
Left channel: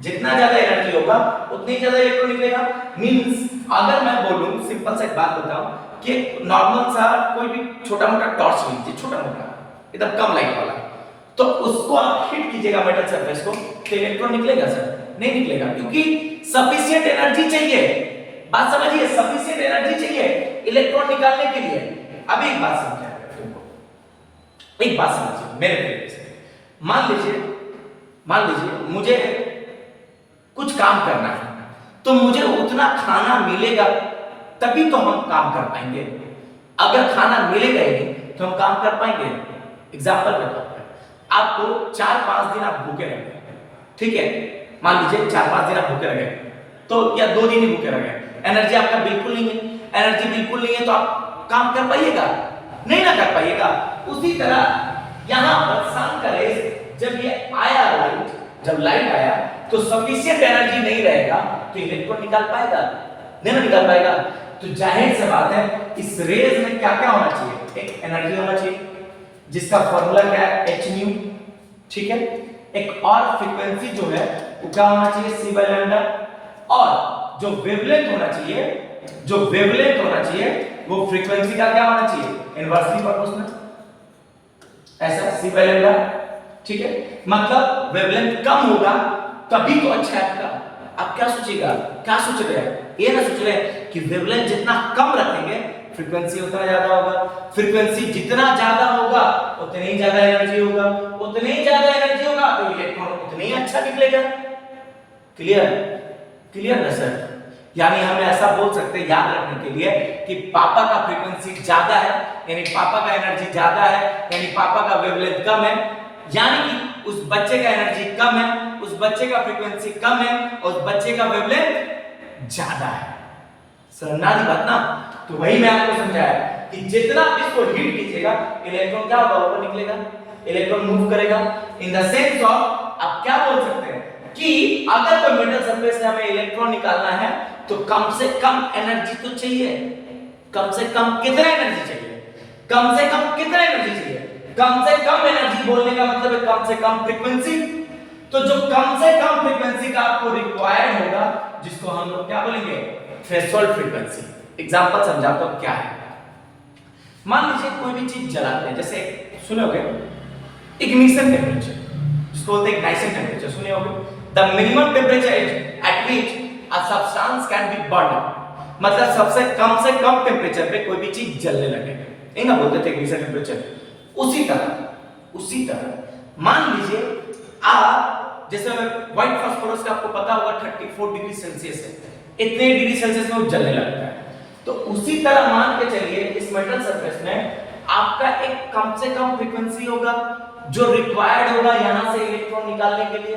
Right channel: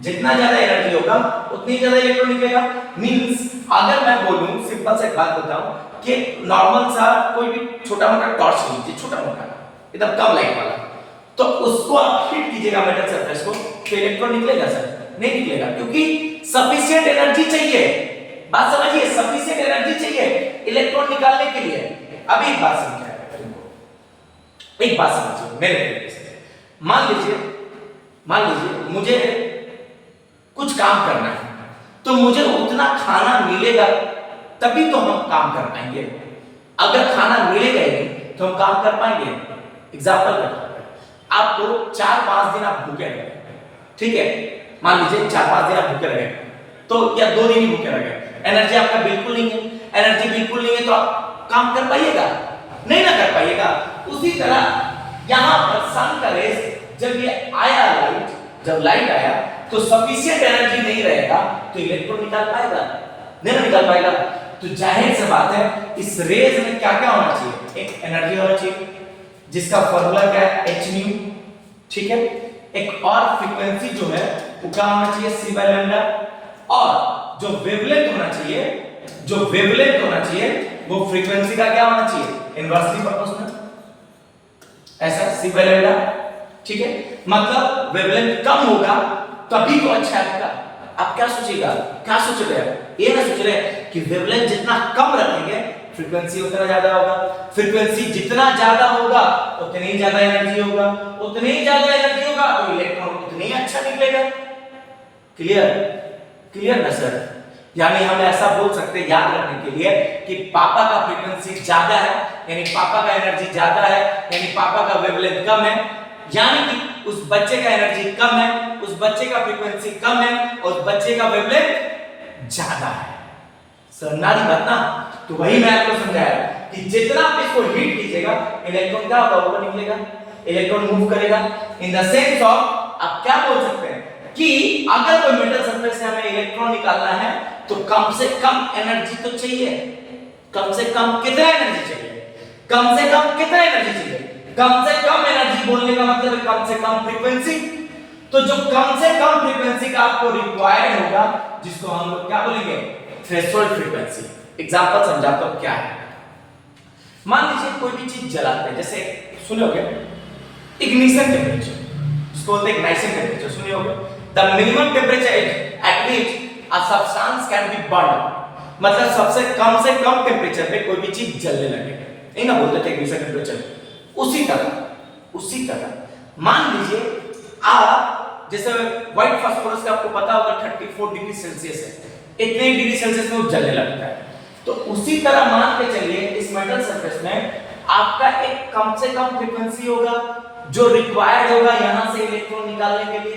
जितना ज्यादा एनर्जी होगा उतनी ज्यादा इलेक्ट्रॉन निकलेगा। मींस अगर मैं बोलूं, सिंपल सा एक बात बताऊं कि नॉर्मल सा कोई भी छोटा मोटा टॉर्च लीजिए, छोटा मोटा एकदम कम लाइट वाला, तो उसको आप हीट कीजिएगा मेटल सरफेस को, तो इलेक्ट्रॉन निकलेगा सर? नहीं निकलेगा, क्योंकि सफिशिएंट एनर्जी चाहिए। बात समझिए, सफिशिएंट एनर्जी चाहिए इलेक्ट्रॉन निकालने के लिए। अब एक बात समझिए, एक बात समझिए मेरे तरीके से। मान लीजिए मुझे कुछ काम करना है, तो मुझे उतना खाना मिलेगा तभी तो हम काम कर पाएंगे। अगर खाना मिलेगा ही नहीं तो हम काम कर पाएंगे? एग्जांपल देता हूं, आपको 4-5 दिन आप भूखे रह गए, ठीक है। मान लीजिए 4-5 दिन आप भूखे रह गए, तो या 2 दिन ही भूखे रह गए, एनर्जी आपका बिल्कुल नहीं है। एनर्जी बिल्कुल नहीं है तो आप काम कर पाइएगा? नहीं ना कर पाइएगा। उसी तरह यहां पर सन का रेस जब ये आया, लाइट जब लाइट आया तो सफिशिएंट एनर्जी नहीं रहेगा तो इलेक्ट्रॉन निकाल पाएगा? नहीं ना निकाल पाएगा। तो जाहिर सी बात है इस रेज में क्या क्या होना चाहिए? एक एनर्जी होना चाहिए जिसका फार्मूला क्या है? h न्यू, ठीक है। एक और फ्रीक्वेंसी जो है वो क्या होना चाहिए? c by lambda. और जो वेवलेंथ होना चाहिए, जो वेवलेंथ होना चाहिए वो फ्रीक्वेंसी का क्या होना चाहिए? इनवर्सली प्रोपोर्शनल, ऐसा c बाय लैम्डा, ठीक है। मतलब वेवलेंथ कम होगा तभी तो अच्छा है आपका। आप क्या सोचिएगा? क्या सोच रहे हैं? ये ना सोच रहे हैं कि वेवलेंथ जितना कम रखेंगे फ्रीक्वेंसी उतना ज्यादा होगा, फ्रीक्वेंसी जितना ज्यादा होगा उतनी ही ज्यादा एनर्जी होगा, उतनी ही ज्यादा एनर्जी होगा तो इलेक्ट्रॉन उतनी ही अच्छा निकलेगा। क्लियर? क्लियर ना सर? यानी हम ऐसा बोल सकते हैं याद रखने के लिए कि पापा का फ्रीक्वेंसी ज्यादा है, यानी पापा का एनर्जी ज्यादा है, यानी पापा का वेवलेंथ कम है, यानी कि उस बच्चे का एनर्जी कम है, उस बच्चे का फ्रीक्वेंसी कम है और उस बच्चे का वेवलेंथ ज्यादा है। समझारी बात ना? तो वही मैं आपको समझाया कि जितना आप इसको हीट कीजिएगा इलेक्ट्रॉन क्या होगा? ऊपर निकलेगा, इलेक्ट्रॉन मूव करेगा। इन द सेंस ऑफ आप क्या बोल सकते हैं कि अगर कोई मेटल सरफेस से हमें इलेक्ट्रॉन निकालना है तो कम से कम एनर्जी तो चाहिए। कम से कम कितना एनर्जी चाहिए? कम से कम कितना एनर्जी चाहिए? कम से कम एनर्जी बोलने का मतलब है कम से कम फ्रीक्वेंसी। तो जो कम से कम फ्रीक्वेंसी का आपको रिक्वायर्ड होगा, जिसको हम लोग क्या बोलेंगे, थ्रेशोल्ड फ्रीक्वेंसी। एग्जांपल समझाता हूं क्या है। मान लीजिए कोई भी चीज जलाते हैं, जैसे सुने होगे इग्निशन टेम्परेचर, जिसको बोलते हैं इग्निशन टेम्परेचर, सुने होगे। The minimum temperature at which a substance can be burn, मतलब सबसे कम टेम्परेचर पे कोई भी चीज जलने लगे, नहीं ना बोलते थे इग्निशन टेम्परेचर। उसी तरह मान लीजिए आप, जैसे व्हाइट फास्फोरस का आपको पता होगा 34 डिग्री सेल्सियस है, इतने डिग्री सेल्सियस में वो जलने लगता है। तो उसी तरह मान के चलिए इस मेटल सरफेस में आपका एक कम से कम फ्रीक्वेंसी होगा जो रिक्वायर्ड होगा यहां से इलेक्ट्रॉन निकालने के लिए,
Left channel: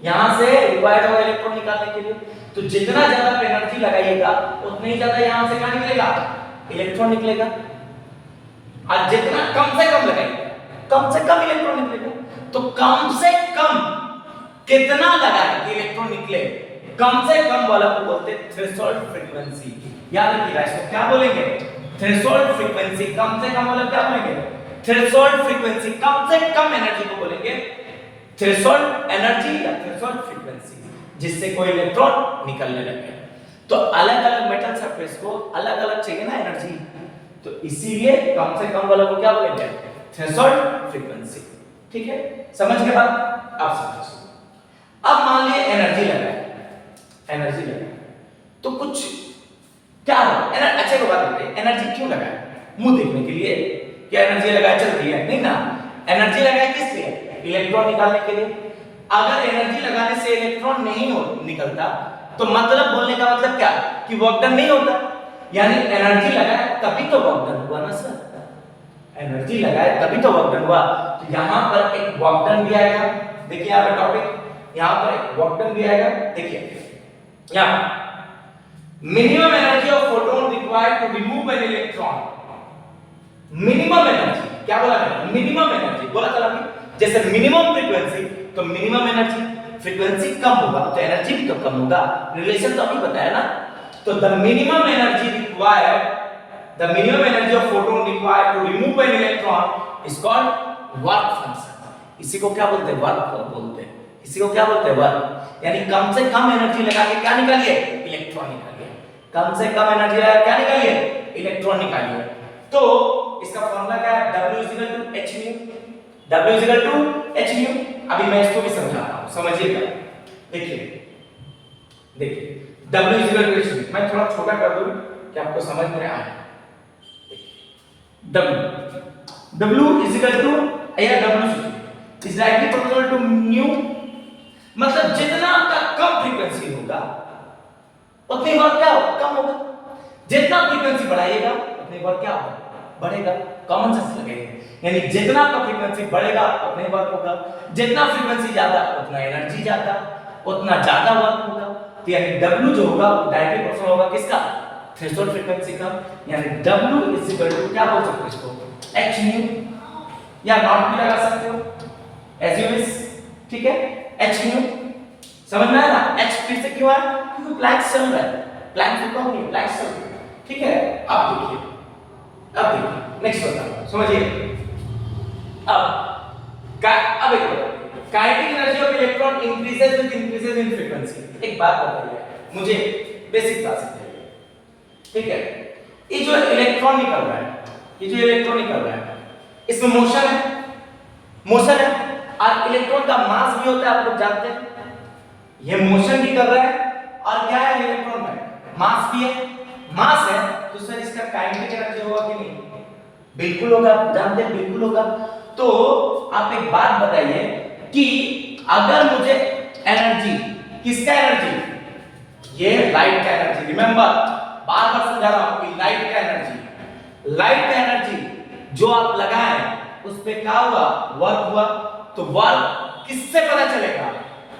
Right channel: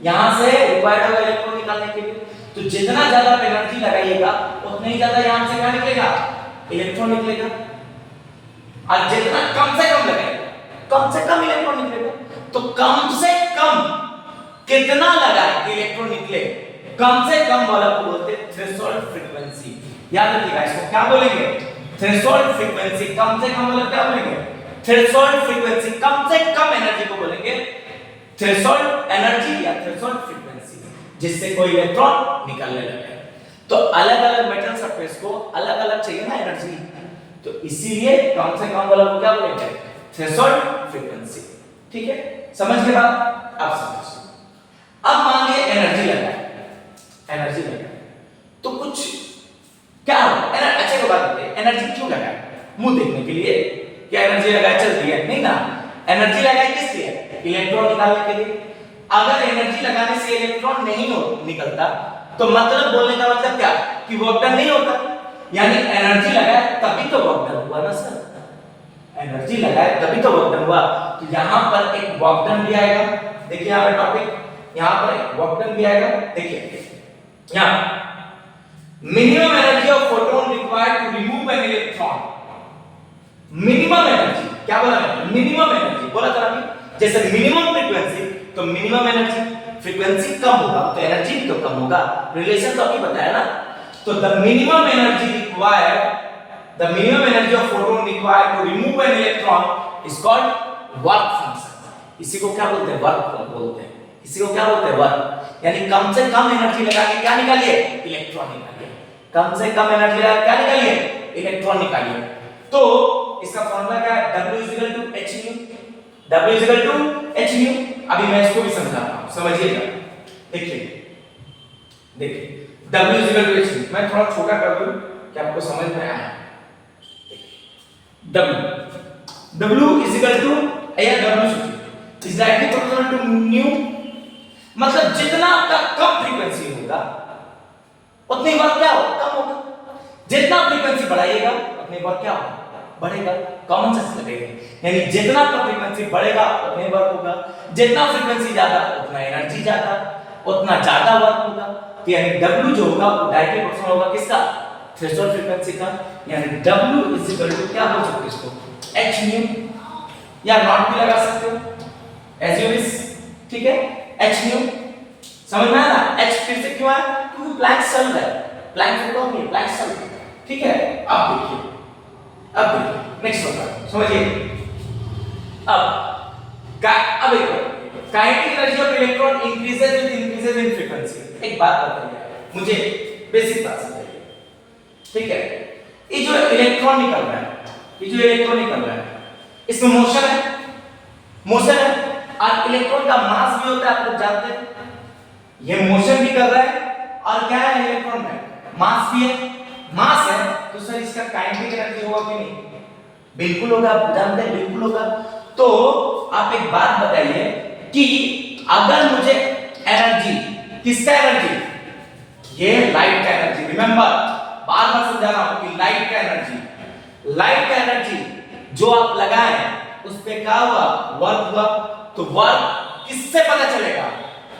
यहां से रिक्वायर्ड होगा इलेक्ट्रॉन निकालने के लिए। तो जितना ज्यादा एनर्जी लगाइएगा उतना ही ज्यादा यहां से क्या निकलेगा, इलेक्ट्रॉन निकलेगा। और जितना कम से कम लगाएगा कम से कम इलेक्ट्रॉन निकलेगा। तो कम से कम कितना लगाए कि इलेक्ट्रॉन निकले, कम से कम वाला को बोलते हैं थ्रेशोल्ड फ्रीक्वेंसी। याद रखिएगा इसको क्या बोलेंगे, थ्रेशोल्ड फ्रीक्वेंसी। कम से कम मतलब क्या बोलेंगे, थ्रेशोल्ड फ्रीक्वेंसी। कम से कम एनर्जी को बोलेंगे थ्रेशोल्ड एनर्जी या थ्रेशोल्ड फ्रीक्वेंसी, जिससे कोई इलेक्ट्रॉन निकलने लगे। तो अलग-अलग मेटल सरफेस को अलग-अलग चाहिए ना एनर्जी, तो इसीलिए कम से कम वाला को क्या बोलेंगे, थ्रेशोल्ड फ्रीक्वेंसी। ठीक है, समझ गए बात? अब समझिए। अब मान लिए एनर्जी लगाए तो कुछ क्या हो, अच्छे को बात करते हैं, एनर्जी क्यों लगाए, मुंह देखने के लिए, क्या एनर्जी लगाए चल रही है, नहीं ना। एनर्जी लगाए किस लिए, इलेक्ट्रॉन निकालने के लिए। अगर एनर्जी लगाने से इलेक्ट्रॉन नहीं निकलता तो मतलब बोलने का मतलब क्या, कि वर्क डन नहीं होता। यानी एनर्जी लगाए तभी तो वर्क डन हुआ ना सर, एनर्जी लगाए तभी तो वर्क डन हुआ। तो यहां पर एक वर्क डन भी आएगा, देखिए यहां पे टॉपिक, यहां पर एक वर्क डन भी आएगा। देखिए यहां minimum energy of photon required to remove an electron. Minimum energy क्या बोला है, मिनिमम एनर्जी बोला था अभी। जैसे मिनिमम फ्रीक्वेंसी तो मिनिमम एनर्जी, फ्रीक्वेंसी कम होगा तो एनर्जी भी तो कम होगा, रिलेशन तो अभी बताया ना। तो the minimum energy required, the minimum energy of photon required to remove an electron is called work function. इसी को क्या बोलते हैं, वर्क बोलते हैं। इसी को क्या बोलते हैं, वर्क। यानी कम से कम एनर्जी लगा के क्या निकालिए, इलेक्ट्रॉन निकालिए। कम से कम एनर्जी लगा क्या निकालिए, इलेक्ट्रॉन निकालिए। तो इसका फॉर्मूला क्या है, W = h nu। W = h nu। अभी मैं इसको भी समझाता हूं, समझिएगा। देखिए W = h nu, मैं थोड़ा छोटा कर दूं कि आपको समझ में आए। W = या W is directly proportional to nu, मतलब जितना आपका कम फ्रीक्वेंसी होगा उतनी वर्क क्या होगा, कम होगा। जितना फ्रीक्वेंसी बढ़ाइएगा उतनी वर्क क्या होगा, बढ़ेगा। कॉमन सेंस लगेगा, यानी जितना आपका फ्रीक्वेंसी बढ़ेगा उतनी वर्क होगा, जितना फ्रीक्वेंसी ज्यादा उतना एनर्जी ज्यादा, उतना ज्यादा वर्क होगा। तो यानी W जो होगा वो डायरेक्टली प्रोपोर्शनल होगा किसका, थ्रेशोल्ड फ्रीक्वेंसी का। यानी W = क्या बोल सकते हो इसको, h nu, या नॉट भी लगा सकते हो एज यू विश। ठीक है, h nu समझ में आया ना। h फिर से क्यों आया, क्योंकि प्लैंक्स चल रहा है, प्लैंक रुका नहीं, प्लैंक्स चल रहा है। ठीक है, अब देखिए नेक्स्ट होता समझिए। अब kinetic energy of electron increases with increases in frequency. एक बात बताइए मुझे, बेसिक बात समझाइए। ठीक है, ये जो इलेक्ट्रॉन निकल रहा है, इसमें मोशन है और इलेक्ट्रॉन का मास भी होता है, आप लोग जानते हैं। ये मोशन भी कर रहा है और क्या है, इलेक्ट्रॉन में मास भी है। मास है तो सर इसका काइनेटिक एनर्जी होगा कि नहीं, बिल्कुल होगा, आप जानते हैं बिल्कुल होगा। तो आप एक बात बताइए कि अगर मुझे एनर्जी, किसका एनर्जी, ये लाइट का एनर्जी, रिमेंबर बार-बार समझा रहा हूं कि लाइट का एनर्जी जो आप लगाए उस पे क्या हुआ, वर्क हुआ। तो वर्क किससे पता चलेगा,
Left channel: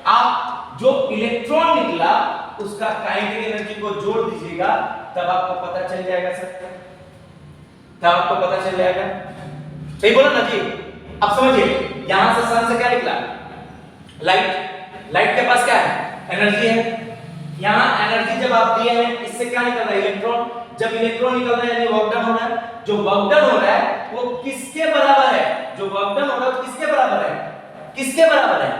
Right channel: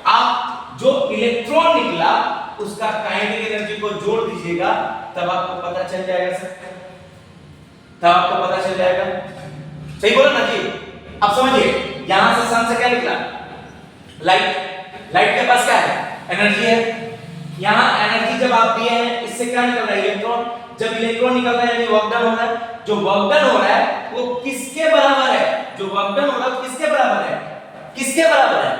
आप जो इलेक्ट्रॉन निकला उसका काइनेटिक एनर्जी को जोड़ दीजिएगा, तब आपको पता चल जाएगा सर, तब आपको पता चल जाएगा। सही बोला ना जी। अब समझिए, यहां से सन से क्या निकला, लाइट के पास क्या है, एनर्जी है। यहां एनर्जी जब आप दिए हैं, इससे क्या निकल रहा है, इलेक्ट्रॉन। जब इलेक्ट्रॉन निकल रहा है यानी वर्क डन हो रहा है। जो वर्क डन हो रहा है वो किसके बराबर है, जो वर्क डन हो रहा है वो किसके बराबर है,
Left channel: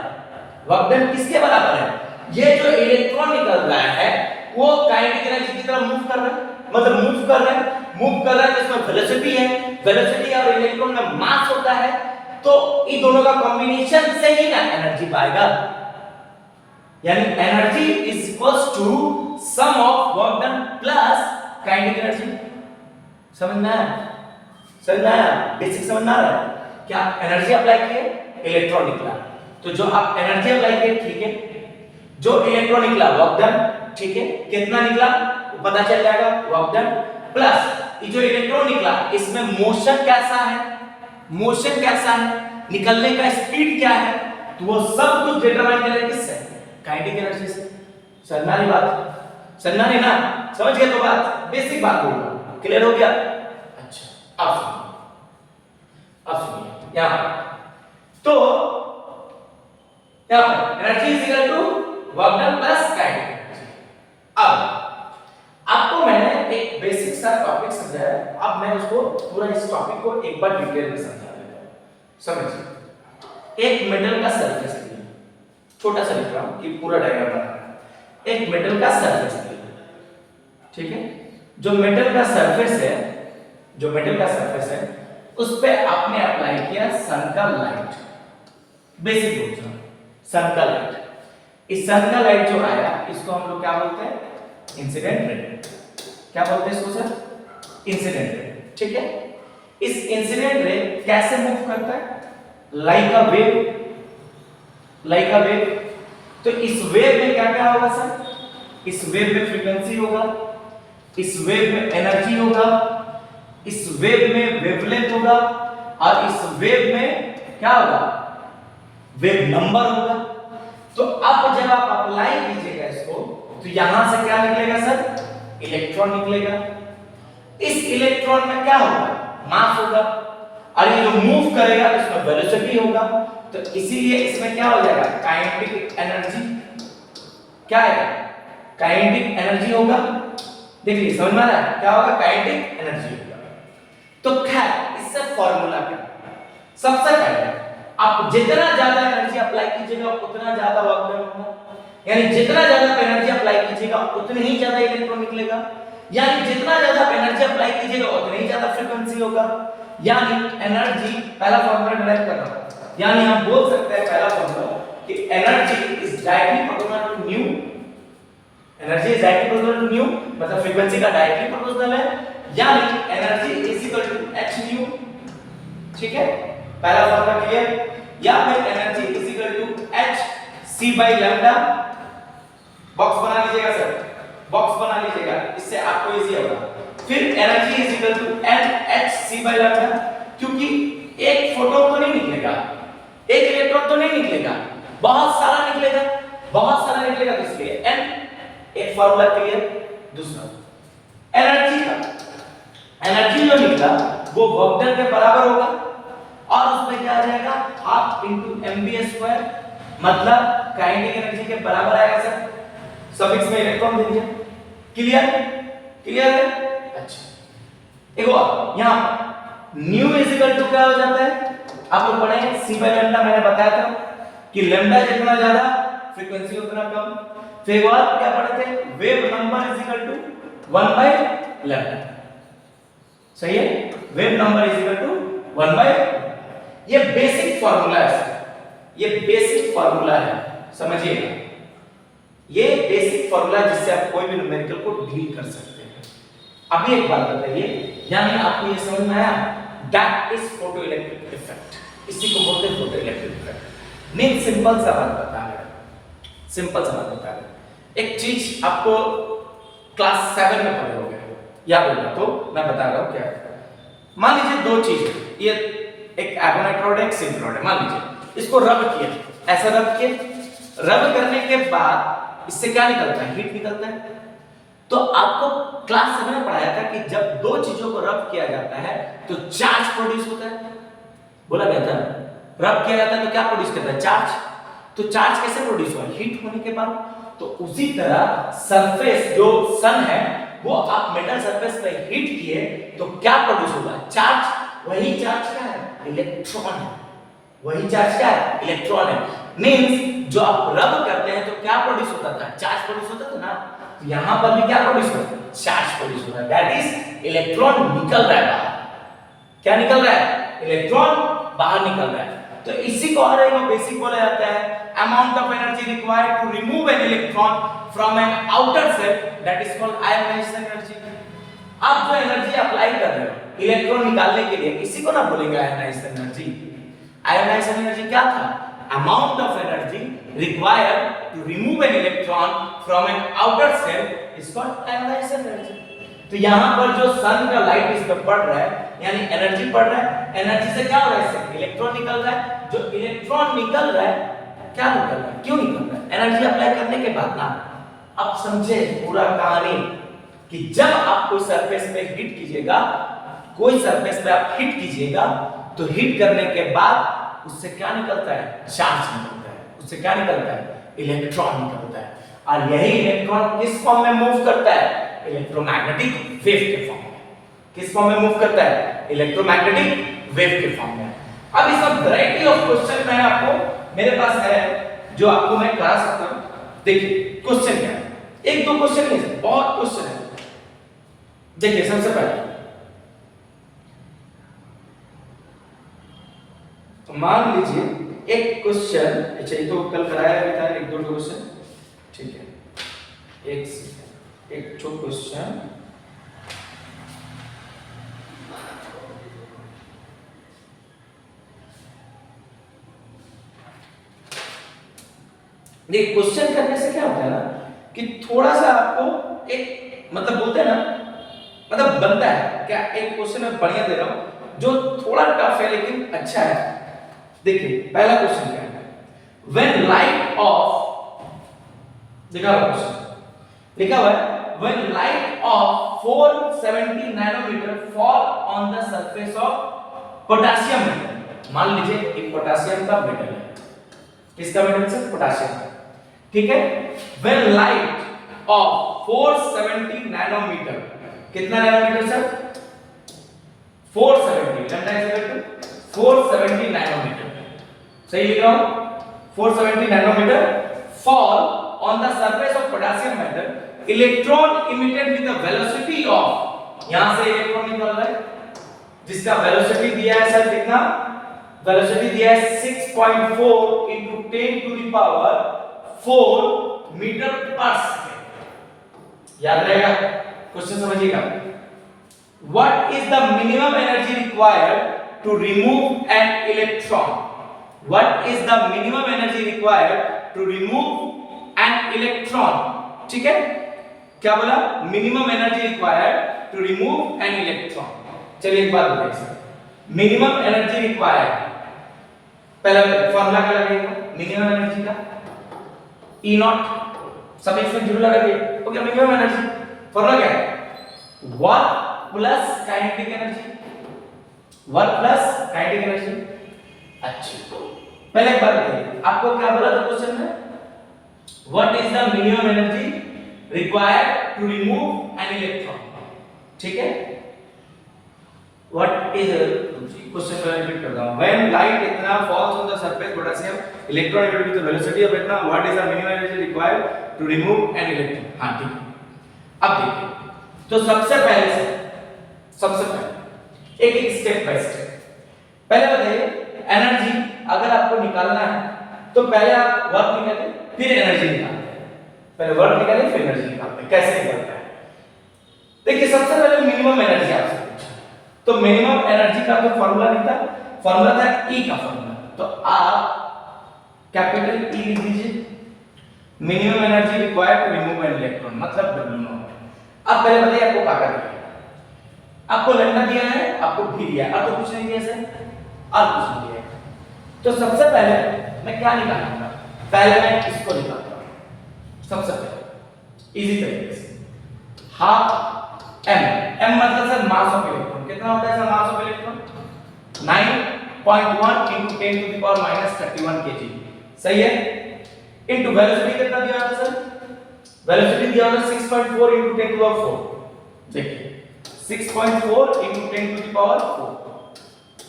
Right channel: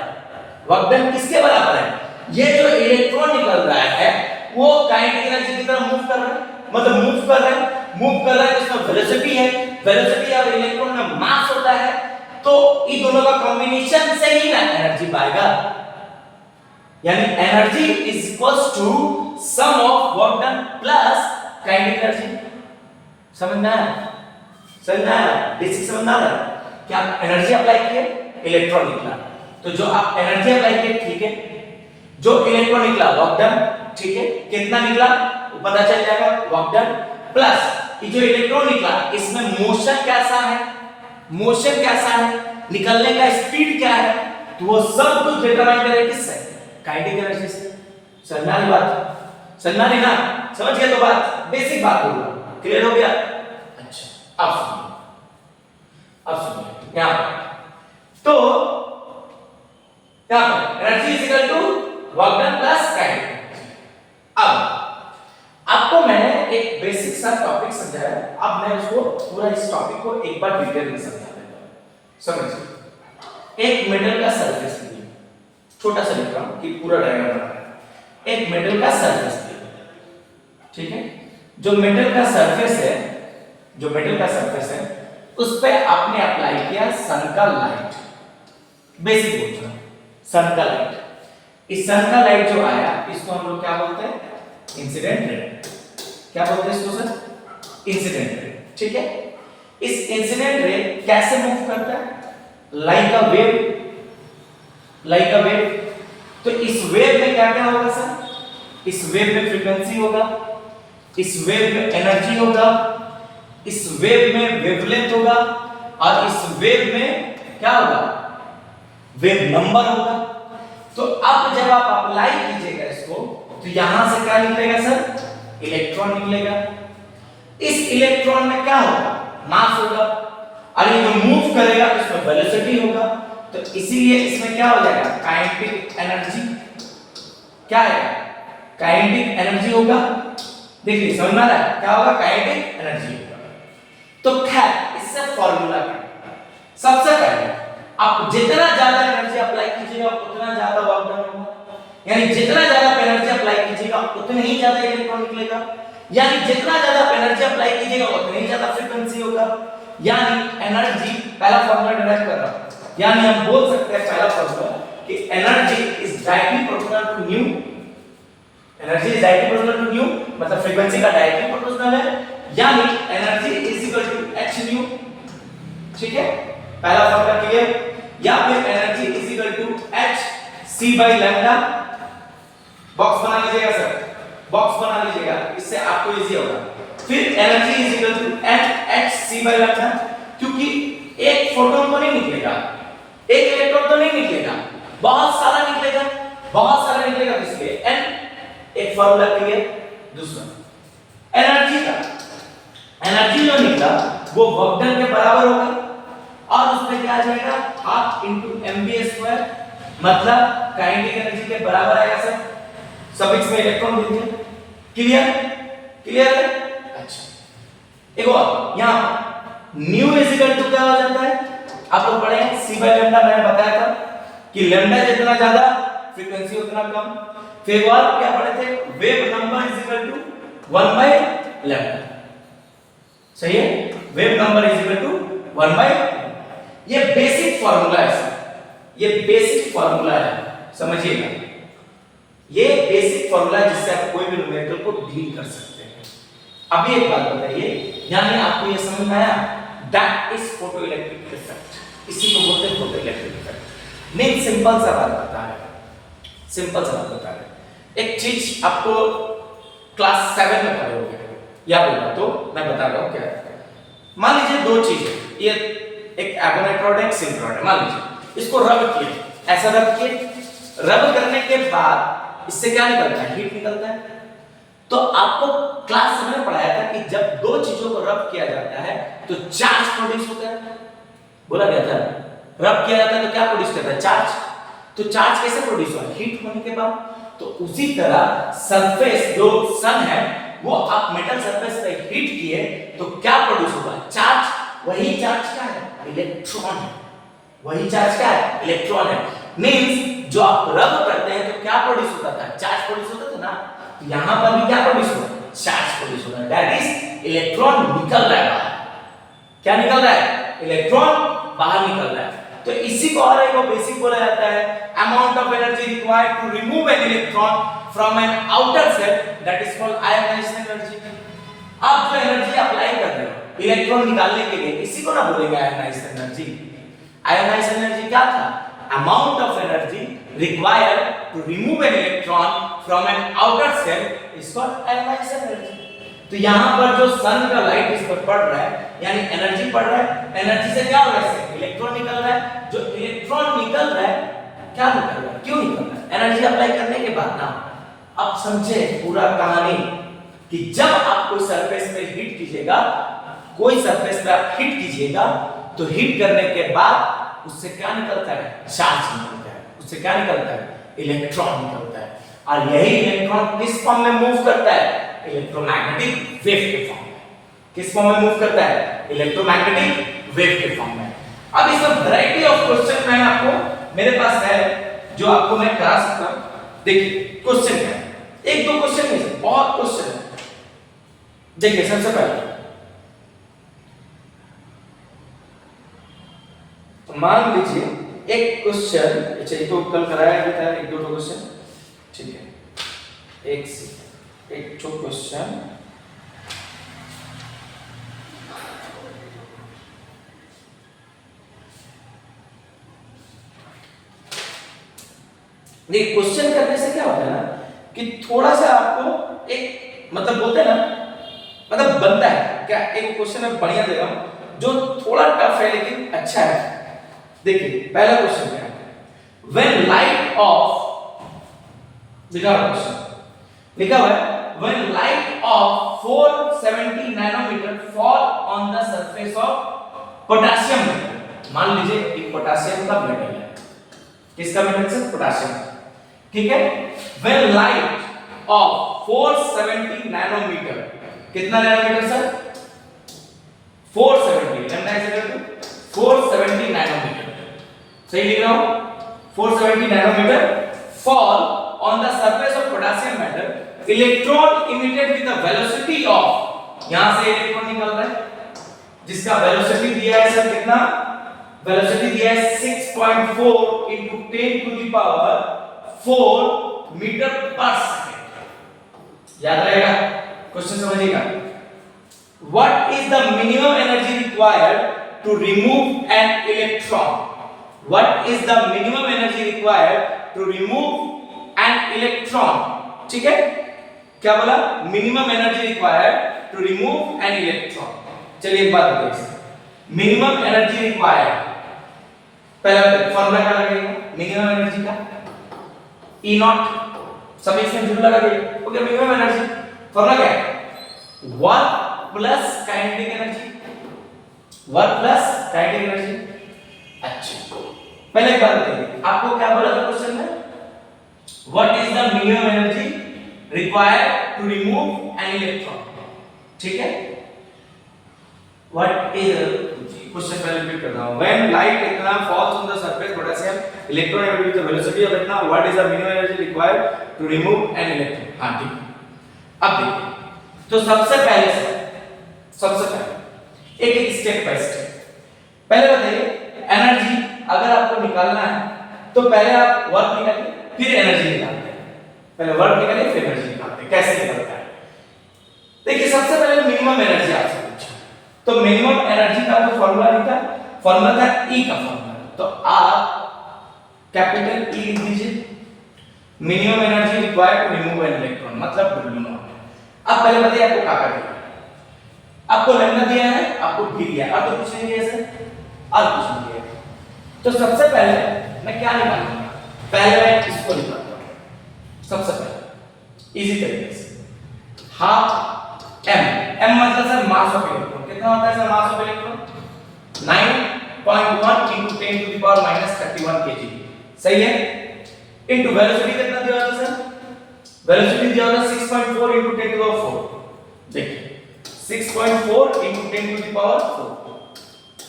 वर्क डन किसके बराबर है? ये जो इलेक्ट्रॉन निकल रहा है वो काइनेटिक एनर्जी की तरफ मूव कर रहा है, मतलब मूव कर रहा है तो इसमें वेलोसिटी है, वेलोसिटी और इलेक्ट्रॉन में मास होता है, तो इन दोनों का कॉम्बिनेशन से ही ना एनर्जी पाएगा, यानी energy is equals to sum of work done plus kinetic energy. समझना है बेसिक समझना है क्या? एनर्जी अप्लाई किए, इलेक्ट्रॉन निकला, तो जो आप एनर्जी अप्लाई किए ठीक है, जो इलेक्ट्रॉन निकला वर्क डन, ठीक है, कितना निकला वो पता चल जाएगा, वर्क डन प्लस ये जो इलेक्ट्रॉन निकला इसमें मोशन कैसा है, मोशन कैसा है, निकलने का स्पीड क्या है, तो वो सब कुछ डिटरमाइन करेगा किससे? काइनेटिक एनर्जी से। समझना नहीं बात? समझना नहीं ना? समझ गए तो बात, बेसिक बात बोल रहा हूं, क्लियर हो गया? अच्छा अब सुनिए यहां तो यहां पर energy is equal to work done plus kinetic. अब आपको मैंने एक बेसिक सा टॉपिक समझाया, अब मैं उसको पूरा इस टॉपिक को एक बार डिटेल में समझा देता हूं। समझिए, एक मेटल का सरफेस है, छोटा सा लिख रहा हूं कि पूरा डायग्राम बना है। एक मेटल का सरफेस है, ठीक है, जो मेटल का सरफेस है उस पे आपने अप्लाई किया सन का लाइट, बेसिक बोल रहा हूं, सन का लाइट। इस सन का लाइट जो आया इसको हम लोग क्या बोलते हैं? Incident ray. क्या बोलते हैं इसको सर? इंसिडेंट रे, ठीक है। इस इंसिडेंट रे कैसे मूव करता है? Like a wave. तो इस वेव में क्या क्या होगा सर? इस वेव में फ्रीक्वेंसी होगा, इस वेव में एनर्जी होगा, इस वेव में वेवलेंथ होगा, और इस वेव में क्या होगा? वेव नंबर होगा। तो अब जब आप अप्लाई कीजिएगा इसको, तो यहां से क्या निकलेगा सर? इलेक्ट्रॉन निकलेगा। इस इलेक्ट्रॉन में क्या होगा? मास होगा, और ये जो मूव करेगा इसमें वेलोसिटी होगा, तो इसीलिए इसमें क्या हो जाएगा? Kinetic energy. क्या है? काइनेटिक एनर्जी होगा। देखिए समझ में आ रहा है क्या होगा? काइनेटिक एनर्जी होगा। तो खैर इससे फॉर्मूला क्या? सबसे पहले आप जितना ज्यादा एनर्जी अप्लाई कीजिएगा उतना ज्यादा वर्क डन होगा, यानी जितना ज्यादा एनर्जी अप्लाई कीजिएगा उतने ही ज्यादा इलेक्ट्रॉन निकलेगा, यानी जितना ज्यादा एनर्जी अप्लाई कीजिएगा उतनी ही ज्यादा फ्रीक्वेंसी होगा, यानी एनर्जी, पहला फॉर्मूला डिराइव कर रहा हूं, यानी हम बोल सकते हैं पहला फॉर्मूला कि energy is directly proportional to nu. Energy is directly proportional to nu मतलब फ्रीक्वेंसी का डायरेक्टली प्रोपोर्शनल है, यानी energy is equal to h nu. ठीक है, पहला फॉर्मूला क्लियर? या फिर energy is equal to h c by lambda. Box बना लीजिएगा सर, बॉक्स बना लीजिएगा, इससे आपको इजी होगा। फिर energy is equal to h c by lambda, क्योंकि एक फोटोन तो नहीं निकलेगा, एक इलेक्ट्रॉन तो नहीं निकलेगा, बहुत सारा निकलेगा, बहुत सारा निकलेगा, तो इसलिए n। एक फॉर्मूला क्लियर। दूसरा एनर्जी का, एनर्जी जो निकला वो वर्क डन के बराबर होगा, और उसमें क्या आ जाएगा? हाफ इनटू mv स्क्वायर, मतलब काइनेटिक एनर्जी के बराबर आएगा सर। सफिक्स में इलेक्ट्रॉन दे दिया। क्लियर? क्लियर है? अच्छा, एक और यहां पर न्यू इज इक्वल टू क्या हो जाता है? आप लोग पढ़े हैं c by लैम्डा, मैंने बताया था कि लैम्डा जितना ज्यादा फ्रीक्वेंसी उतना कम। फिर बात क्या पढ़े थे? Wave number is equal to 1 by lambda. सही है, wave number is equal to 1 by। ये बेसिक फार्मूला है सर, ये बेसिक फार्मूला है, समझिएगा। ये बेसिक फार्मूला जिससे आप कोई भी न्यूमेरिकल को डील कर सकते हैं। अभी एक बात बताइए, यानी आपको ये समझ में आया? That is photo electric effect, इसी को बोलते हैं फोटो इलेक्ट्रिक इफेक्ट। नहीं, सिंपल सा बात बता रहे हैं, सिंपल सा बात बता रहे हैं। एक चीज आपको क्लास 7 में पढ़े होंगे, याद होगा तो मैं बता रहा हूं क्या है। मान लीजिए दो चीज है, ये एक एबोनाइट रॉड है, एक सिंक रॉड है। मान लीजिए इसको रब किए, ऐसा रब किए, रब करने के बाद इससे क्या निकलता है? हीट निकलता है। तो आपको क्लास 7 में पढ़ाया था कि जब दो चीजों को रब किया जाता है तो चार्ज प्रोड्यूस होता है, बोला गया था। रब किया जाता है तो क्या प्रोड्यूस करता है? चार्ज। तो चार्ज कैसे प्रोड्यूस होगा? हीट होने के बाद। तो उसी तरह सरफेस जो सन है वो आप मेटल सरफेस पे हीट किए तो क्या प्रोड्यूस होगा? चार्ज। वही चार्ज क्या है? इलेक्ट्रॉन है। वही चार्ज क्या है? इलेक्ट्रॉन है। मींस जो आप रब करते हैं तो क्या प्रोड्यूस होता था, चार्ज प्रोड्यूस होता था ना, तो यहां पर भी क्या प्रोड्यूस होता है, चार्ज प्रोड्यूस होता है, दैट इज इलेक्ट्रॉन निकल रहा है बाहर। क्या निकल रहा है, इलेक्ट्रॉन बाहर निकल रहा है। तो इसी को और एक बेसिक बोला जाता है amount of energy required to remove an electron from an outer shell, that is called ionisation energy. आप जो एनर्जी अप्लाई कर रहे हो इलेक्ट्रॉन निकालने के लिए, इसी को ना बोलेंगे आयोनाइजेशन एनर्जी। आयोनाइजेशन एनर्जी क्या था, amount of energy required to remove an electron from an outer cell is called ionization energy। तो यहाँ पर जो सन का लाइट इस पर पड़ रहा है यानी एनर्जी पड़ रहा है, एनर्जी से क्या हो रहा है, इलेक्ट्रॉन निकल रहा है। जो इलेक्ट्रॉन निकल रहा है, क्या निकल रहा है, क्यों निकल रहा है, एनर्जी अप्लाई करने के बाद ना। अब समझे पूरा कहानी कि जब आप कोई सरफेस पे हिट कीजिएगा, कोई सरफेस पे आप हिट कीजिएगा तो हिट करने के बाद उससे क्या निकलता है, चार्ज निकलता है, उससे क्या निकलता है, इलेक्ट्रॉन निकलता है। और यही इलेक्ट्रॉन किस फॉर्म में मूव करता है, इलेक्ट्रोमैग्नेटिक वेव के फॉर्म में। किस फॉर्म में मूव करता है, इलेक्ट्रोमैग्नेटिक वेव के फॉर्म में। अब इसमें वैरायटी ऑफ क्वेश्चन मैं आपको मेरे पास है जो आपको मैं करा सकता हूं। देखिए क्वेश्चन क्या है, एक दो क्वेश्चन नहीं है, बहुत क्वेश्चन है। देखिए सबसे पहले मान लीजिए एक क्वेश्चन, अच्छा ये तो कल कराया गया था, एक दो क्वेश्चन, ठीक है, एक छोटा क्वेश्चन। देखिए क्वेश्चन करने से क्या होता है ना कि थोड़ा सा आपको एक मतलब बोलते हैं ना, मतलब बनता है क्या, एक क्वेश्चन मैं बढ़िया दे रहा हूं जो थोड़ा टफ है लेकिन अच्छा है। देखिए पहला क्वेश्चन क्या है, व्हेन लाइट ऑफ, लिखा हुआ क्वेश्चन लिखा हुआ है, when light of 470 nanometre fall on the surface of potassium. मान लीजिए एक पोटेशियम का मेटल है, किसका मेटल से, पोटेशियम, ठीक है। व्हेन लाइट ऑफ 470 नैनोमीटर, कितना nanometre sir, 470, lambda is equal to 470 nanometre, सही लिख रहा हूं, 470 nanometre fall on the surface of potassium metal, electron emitted with the velocity of, यहां से इलेक्ट्रॉन निकल रहा है जिसका वेलोसिटी दिया है सर, कितना वेलोसिटी दिया है 6.4 into 10 to the power 4 metre पर सेकंड। याद रहेगा, क्वेश्चन समझिएगा। What is the minimum energy required to remove an electron? What is the minimum energy required to remove an electron? ठीक है, क्या बोला, minimum energy required to remove an electron. चलिए एक बात बताइए, मिनिमम एनर्जी रिक्वायर्ड, पहले फॉर्मूला क्या लगेगा मिनिमम एनर्जी का, E नॉट, सब इसमें जीरो लगा दिए, ओके। मिनिमम एनर्जी फॉर्मूला क्या है, work plus kinetic energy, work plus kinetic energy. अच्छा पहले एक बात बताइए, आपको क्या बोला था क्वेश्चन में, what is the minimum energy required to remove an electron, ठीक है। व्हाट इज, क्वेश्चन पहले रिपीट करता हूं, व्हेन लाइट इतना falls on the surface potassium, electron emitted with the velocity of इतना, what is the minimum energy required to remove an electron. हां ठीक है, अब देखिए तो सबसे पहले एक एक स्टेप बाय स्टेप, पहले बताइए एनर्जी अगर आपको निकालना है तो पहले आप वर्क निकालिए फिर एनर्जी निकालते हैं, पहले वर्क निकालिए फिर एनर्जी निकालते हैं। कैसे निकलता है, देखिए सबसे पहले मिनिमम एनर्जी आपसे पूछा, तो मिनिमम एनर्जी का तो फॉर्मूला नहीं था, फॉर्मूला था E का फॉर्मूला, तो आप कैपिटल E लिख दीजिए, minimum energy required to remove an electron मतलब W0। अब पहले बताइए आपको क्या करना है, आपको लैम्डा दिया है, आपको भी दिया है, और तो कुछ नहीं दिया सर, और कुछ नहीं दिया है। तो सबसे पहले मैं क्या निकालूंगा, पहले मैं इसको निकालता हूं सबसे पहले इजी तरीके से, हाफ m मतलब सर मास ऑफ इलेक्ट्रॉन, कितना होता है sir mass of electron, 9.1 into 10 to the power minus 31 kg, सही है, इनटू वेलोसिटी कितना दिया होता है सर, वेलोसिटी दिया होता है 6.4 into 10 to the power 4, देखिए 6.4 into 10 to the power 4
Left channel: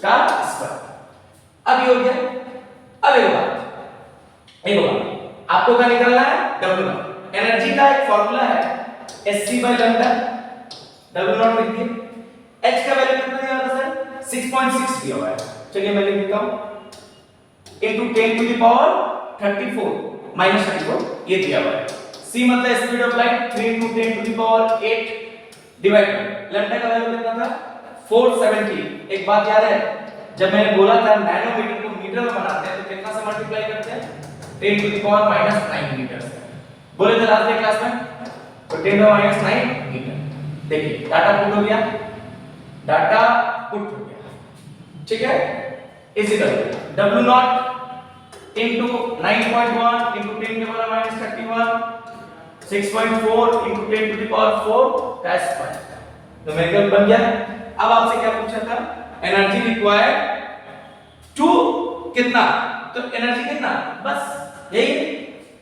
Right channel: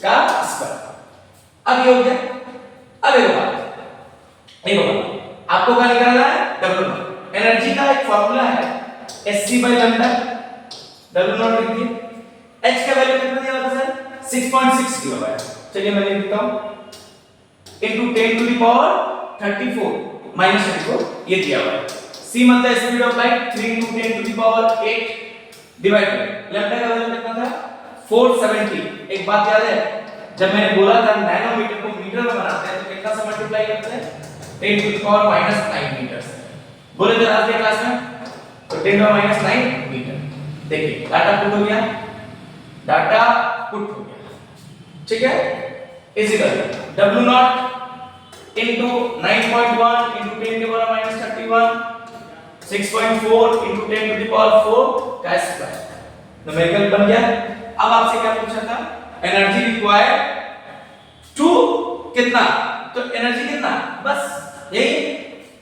का स्क्वायर। अब ये हो गया। अब एक बात, ये होगा, आपको क्या निकालना है, W नॉट। एनर्जी का एक फॉर्मूला है Sc by lambda, W not लिख दिए। H का वैल्यू कितना दिया हुआ है सर, 6.6 दिया हुआ है। चलिए मैं लिख देता हूं, into 10 to the power 34 minus 34 ये दिया हुआ है। C मतलब speed of light 3 into 10 to the power 8 divide by lambda का वैल्यू कितना था, 470। एक बात याद है, जब मैंने बोला था नैनोमीटर को मीटर में बनाते हैं तो कितना से मल्टीप्लाई करते हैं, 10 to the power -9 मीटर से। बोले थे लास्ट क्लास में, तो 10 to the -9 मीटर। देखिए डाटा पुट हो गया, डाटा पुट हो गया, ठीक है। Is equal W nought into 9.1 into 10 के पावर -31 6.4 इनटू 10 टू द पावर 4 का स्क्वायर, न्यूमेरिकल बन गया। अब आपसे क्या पूछा था, एनर्जी रिक्वायर्ड टू कितना, तो एनर्जी कितना, बस यही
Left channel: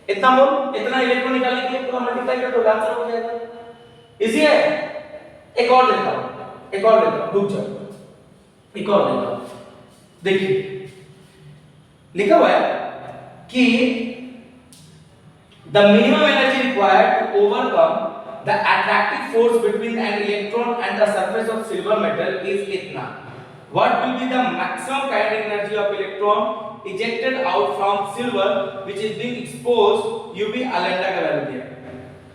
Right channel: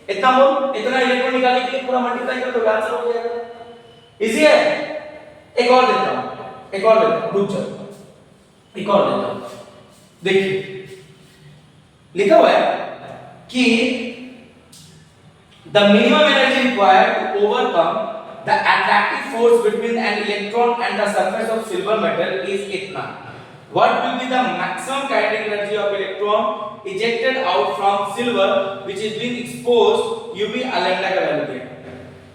इतना मोल, इतना इलेक्ट्रॉन निकालने के लिए पूरा मल्टीप्लाई कर दो, आंसर हो जाएगा। इजी है। एक और देता हूं, एक और देता हूं, रुक जाओ, एक और देता हूं। देखिए लिखा हुआ है कि the minimum energy required to overcome the attractive force between an electron and the surface of silver metal is इतना। What will be the maximum kinetic energy of electron ejected out from silver which is being exposed UV lambda का value दिया।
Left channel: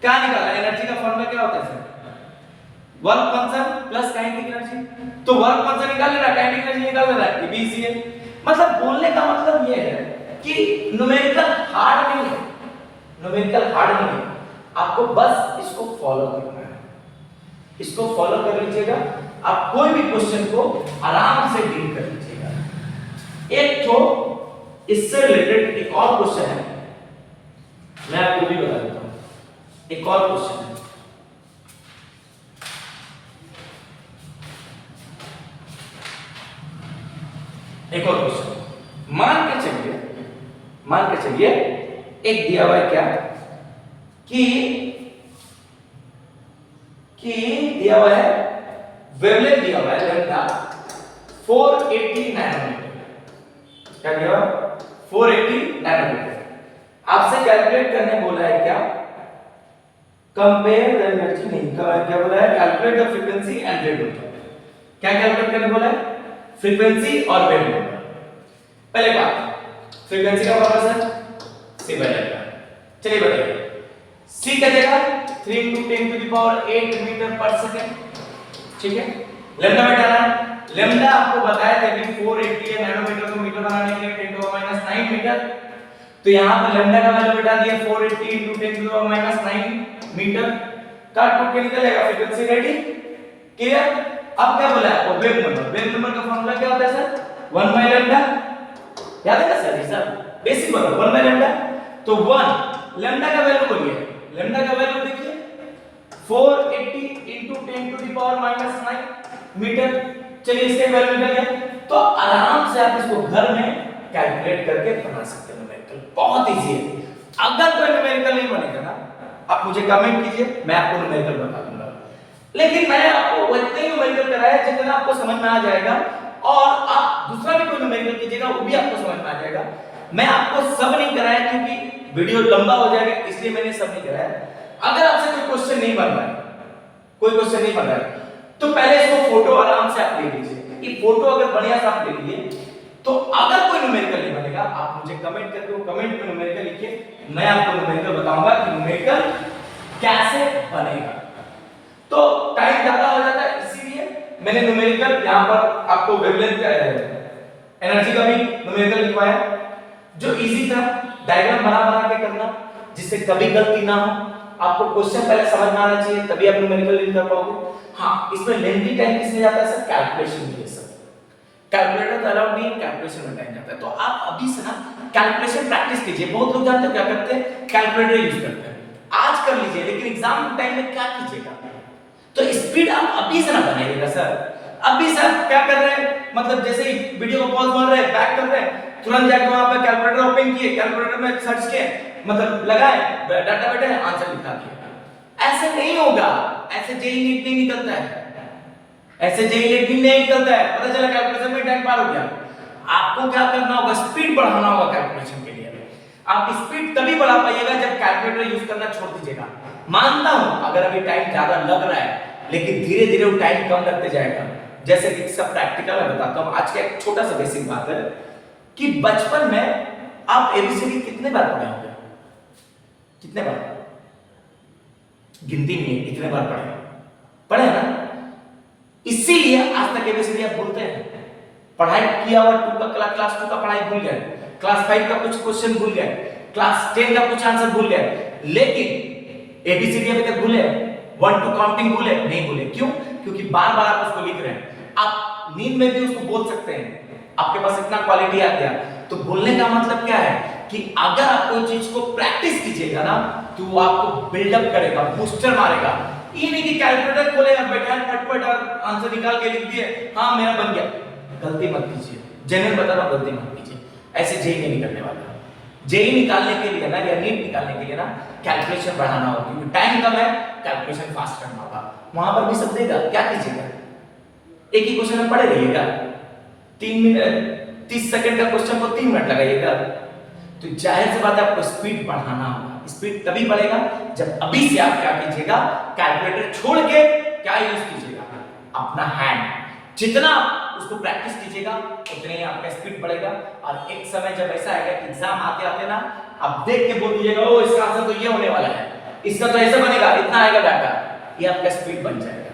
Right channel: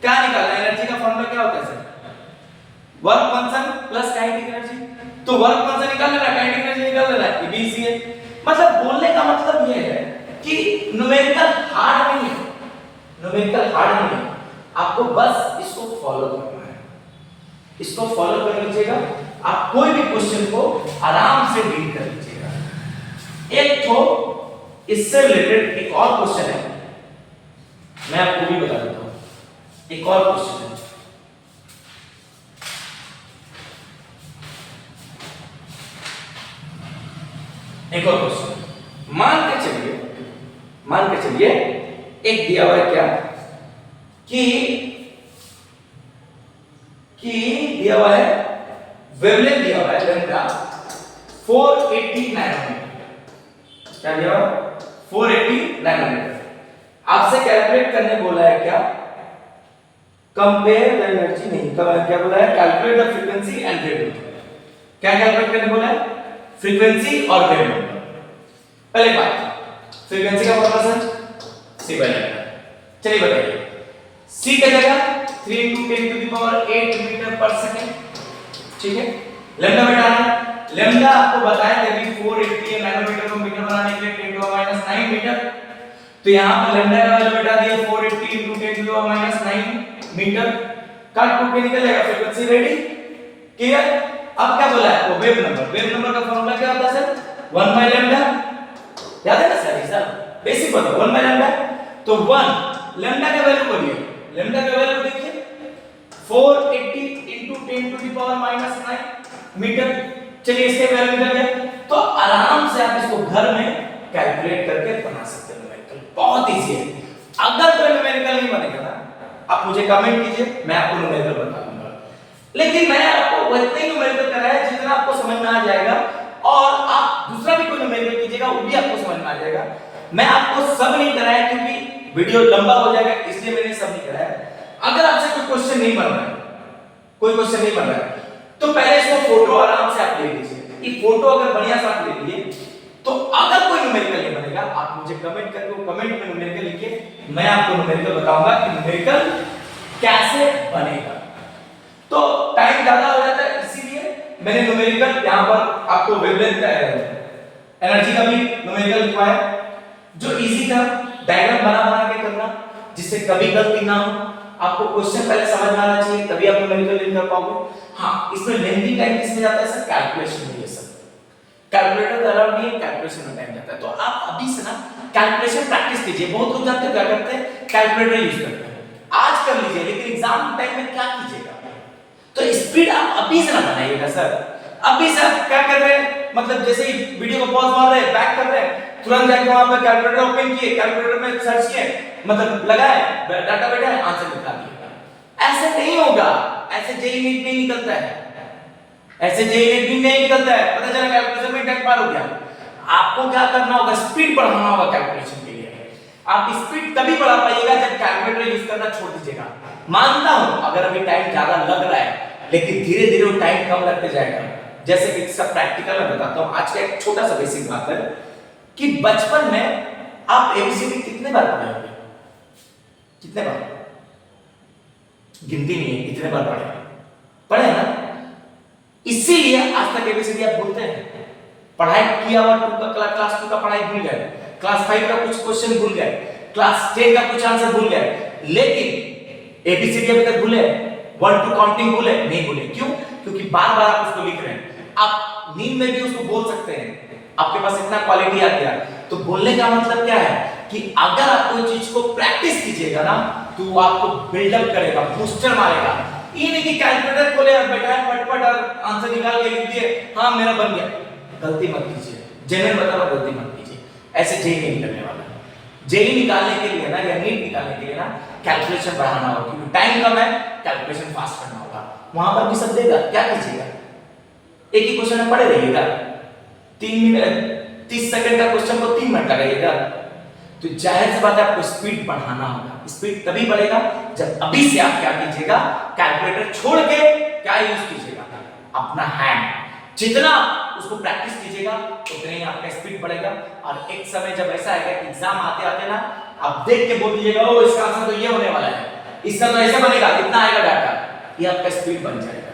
क्या निकाला, energy का formula क्या होता है sir, work function plus kinetic energy. तो वर्क फंक्शन निकाल लेना, काइनेटिक एनर्जी निकाल लेना, ये भी इजी है। मतलब बोलने का मतलब ये है कि न्यूमेरिकल हार्ड नहीं है, न्यूमेरिकल हार्ड नहीं है, आपको बस इसको फॉलो करना है, इसको फॉलो कर लीजिएगा, आप कोई भी क्वेश्चन को आराम से डील कर लीजिएगा। एक तो इससे रिलेटेड एक और क्वेश्चन है, मैं आपको भी बता देता हूं, एक और क्वेश्चन है। एक और क्वेश्चन, मान के चलिए एक दिया हुआ है क्या कि दिया हुआ है वेवलेंथ दिया हुआ है लैम्डा 480 नैनोमीटर। क्या दिया हुआ, 480 नैनोमीटर। आपसे कैलकुलेट करने बोला है क्या, कंपेयर द एनर्जी, नहीं क्या बोला है, calculate the frequency and wavelength. क्या कैलकुलेट करने बोला है, फ्रीक्वेंसी और वेवलेंथ। पहले बात, फ्रीक्वेंसी का formula sir C by lambda. चलिए बताइए, C का जगह 3 into 10 to the power 8 metre पर सेकंड, ठीक है। लैम्डा बैठाना है, लैम्डा आपको बताया था कि 480 नैनोमीटर को मीटर बनाने के लिए 10 to the -9 मीटर, तो यहां पर लैम्डा का वैल्यू बैठा दिया 480 into 10 to the -9 मीटर। काट टूट के निकल जाएगा, फ्रीक्वेंसी रेडी, क्लियर। अब क्या बोला है, वो वेव नंबर का फार्मूला क्या होता है सर, 1 by लैम्डा, याद है ना सर, ये सब बेसिक बात है, 1 by लैम्डा। तो 1 लैम्डा का वैल्यू बोलिए, लैम्डा का वैल्यू देखिए 480 into 10 to the power -9 metre. चलिए इसके वैल्यू निकल गया, तो आराम से आप इसको घर में कैलकुलेट करके बना सकते हैं न्यूमेरिकल, बहुत इजी है। अगर कोई न्यूमेरिकल नहीं बनेगा ना, आप मुझे कमेंट कीजिए, मैं आपको न्यूमेरिकल बता दूंगा। लेकिन मैंने आपको उतने न्यूमेरिकल कराया जितना आपको समझ में आ जाएगा, और आप दूसरा भी कोई न्यूमेरिकल कीजिएगा वो भी आपको समझ में आ जाएगा। मैं आपको सब नहीं कराया क्योंकि वीडियो लंबा हो जाएगा, इसलिए मैंने सब नहीं कराया। अगर आपसे कोई क्वेश्चन नहीं बन रहा है, कोई क्वेश्चन नहीं बन रहा है, तो पहले इसको फोटो आराम से आप ले लीजिए। ये फोटो अगर बढ़िया से आप ले लिए, तो अगर कोई न्यूमेरिकल नहीं बनेगा, आप मुझे कमेंट करके वो कमेंट में न्यूमेरिकल लिखिए, मैं आपको न्यूमेरिकल बताऊंगा कि न्यूमेरिकल कैसे बनेगा। तो टाइम ज्यादा हो जाता है, इसीलिए मैंने न्यूमेरिकल यहां पर आपको वेवलेंथ का एनर्जी का भी न्यूमेरिकल लिखवाया, जो इजी था, डायग्राम बना के करना, जिससे कभी गलती ना हो। आपको क्वेश्चन पहले समझ में आना चाहिए, तभी आप न्यूमेरिकल लिख कर पाओगे। हां, इसमें लेंथी टाइम किसमें जाता है सर, कैलकुलेशन में। ये सब कैलकुलेटर अलाउड नहीं है, कैलकुलेशन में टाइम जाता है। तो आप अभी से ना कैलकुलेशन प्रैक्टिस कीजिए। बहुत लोग जानते हो क्या करते हैं, कैलकुलेटर यूज करते हैं, आज कर लीजिए, लेकिन एग्जाम टाइम में क्या कीजिएगा, तो स्पीड आप अभी से ना बनाइएगा सर। अभी सर क्या कर रहे हैं, मतलब जैसे ही वीडियो को पॉज मार रहे हैं, बैक कर रहे हैं, तुरंत जाके वहां पर कैलकुलेटर ओपन किए, कैलकुलेटर में सर्च किए, मतलब लगाए, डाटा बैठाए, आंसर निकाल दिया। ऐसे नहीं होगा, ऐसे जेई नीट नहीं निकलता है, ऐसे जेई नीट नहीं निकलता है। पता चला कैलकुलेशन में टाइम पार हो गया। आपको क्या करना होगा, स्पीड बढ़ाना होगा कैलकुलेशन के लिए। आप स्पीड तभी बढ़ा पाइएगा जब कैलकुलेटर यूज करना छोड़ दीजिएगा। मानता हूं अगर अभी टाइम ज्यादा लग रहा है लेकिन धीरे धीरे वो टाइम कम लगते जाएगा। जैसे कि सब प्रैक्टिकल में बताता हूं। आज का एक छोटा सा बेसिक बात है कि बचपन में आप एबीसीडी कितने बार पढ़े होंगे? कितने बार? गिनती नहीं है, कितने बार पढ़े ना? इसीलिए आज तक एबीसीडी आप बोलते हैं। पढ़ाई किया हुआ क्लास 2 का पढ़ाई भूल गए, क्लास 5 का कुछ क्वेश्चन भूल गए, क्लास 10 का कुछ आंसर भूल गए, लेकिन एबीसीडी अभी तक भूले? 1 to काउंटिंग भूले? नहीं भूले। क्यों? क्योंकि बार बार आप उसको लिख रहे हैं। आप नींद में भी उसको बोल सकते हैं, आपके पास इतना क्वालिटी आ गया। तो बोलने का मतलब क्या है कि अगर आप कोई चीज को प्रैक्टिस कीजिएगा ना तो वो आपको बिल्डअप करेगा, बूस्टर मारेगा। ये नहीं कि कैलकुलेटर खोले और बैठाए फटफट और आंसर निकाल के लिख दिए, हाँ मेरा बन गया। गलती मत कीजिए, जेन्युइन बता रहा हूं, गलती मत कीजिए। ऐसे जेई नहीं निकलने वाला। जेई निकालने के लिए ना या नीट निकालने के लिए ना कैलकुलेशन बढ़ाना होगा, क्योंकि टाइम कम है, कैलकुलेशन फास्ट करना होगा। वहां पर भी सब देगा, क्या कीजिएगा? एक ही क्वेश्चन में पढ़े रहिएगा, 3 मिनट 30 सेकंड का क्वेश्चन को 3 मिनट लगाइएगा। तो जाहिर सी बात है आपको स्पीड बढ़ाना होगा। स्पीड तभी बढ़ेगा जब अभी से आप क्या कीजिएगा, कैलकुलेटर छोड़ के क्या यूज कीजिएगा, अपना हैंड। जितना उसको प्रैक्टिस कीजिएगा उतने ही आपका स्पीड बढ़ेगा। और एक समय जब ऐसा आएगा कि एग्जाम आते आते ना आप देख के बोल दीजिएगा, ओ इसका आंसर तो ये होने वाला है, इसका तो ऐसे बनेगा, इतना आएगा डाटा, ये आपका स्पीड बन जाएगा।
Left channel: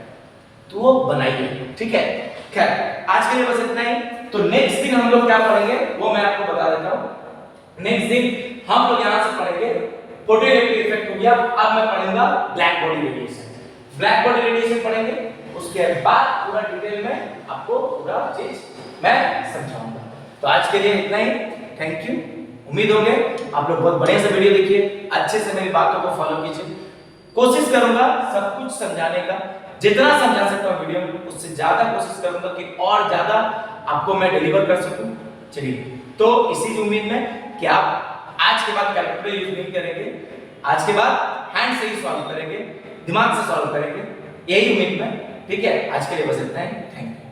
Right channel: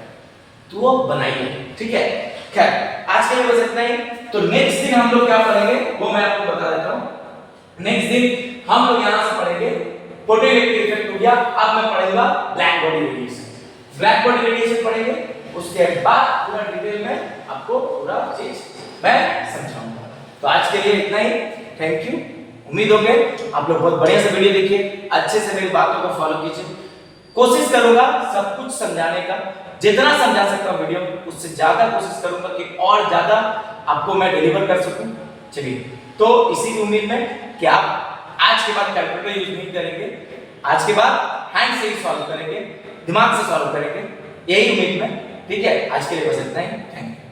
तो वो बनाइए, ठीक है। खैर आज के लिए बस इतना ही। तो नेक्स्ट दिन हम लोग क्या पढ़ेंगे वो मैं आपको बता देता हूं। नेक्स्ट दिन हम लोग यहां से पढ़ेंगे फोटोइलेक्ट्रिक इफेक्ट हो गया। अब मैं पढ़ूंगा black body radiation. Black body radiation पढ़ेंगे, उसके बाद पूरा डिटेल में आपको पूरा चीज मैं समझाऊंगा। तो आज के लिए इतना ही। Thank you. उम्मीद होंगे आप लोग बहुत बढ़िया से वीडियो देखिए, अच्छे से मेरी बातों को फॉलो कीजिए। कोशिश करूंगा सब कुछ समझाने का, जितना समझा सकता हूं वीडियो में उससे ज्यादा कोशिश करूंगा कि और ज्यादा आपको मैं डिलीवर कर सकूं। चलिए, तो इसी उम्मीद में कि आप आज के बाद कैलकुलेटर यूज नहीं करेंगे, आज के बाद हैंड से ही सॉल्व करेंगे, दिमाग से सॉल्व करेंगे, यही उम्मीद में। ठीक है, आज के लिए बस इतना ही। Thank you.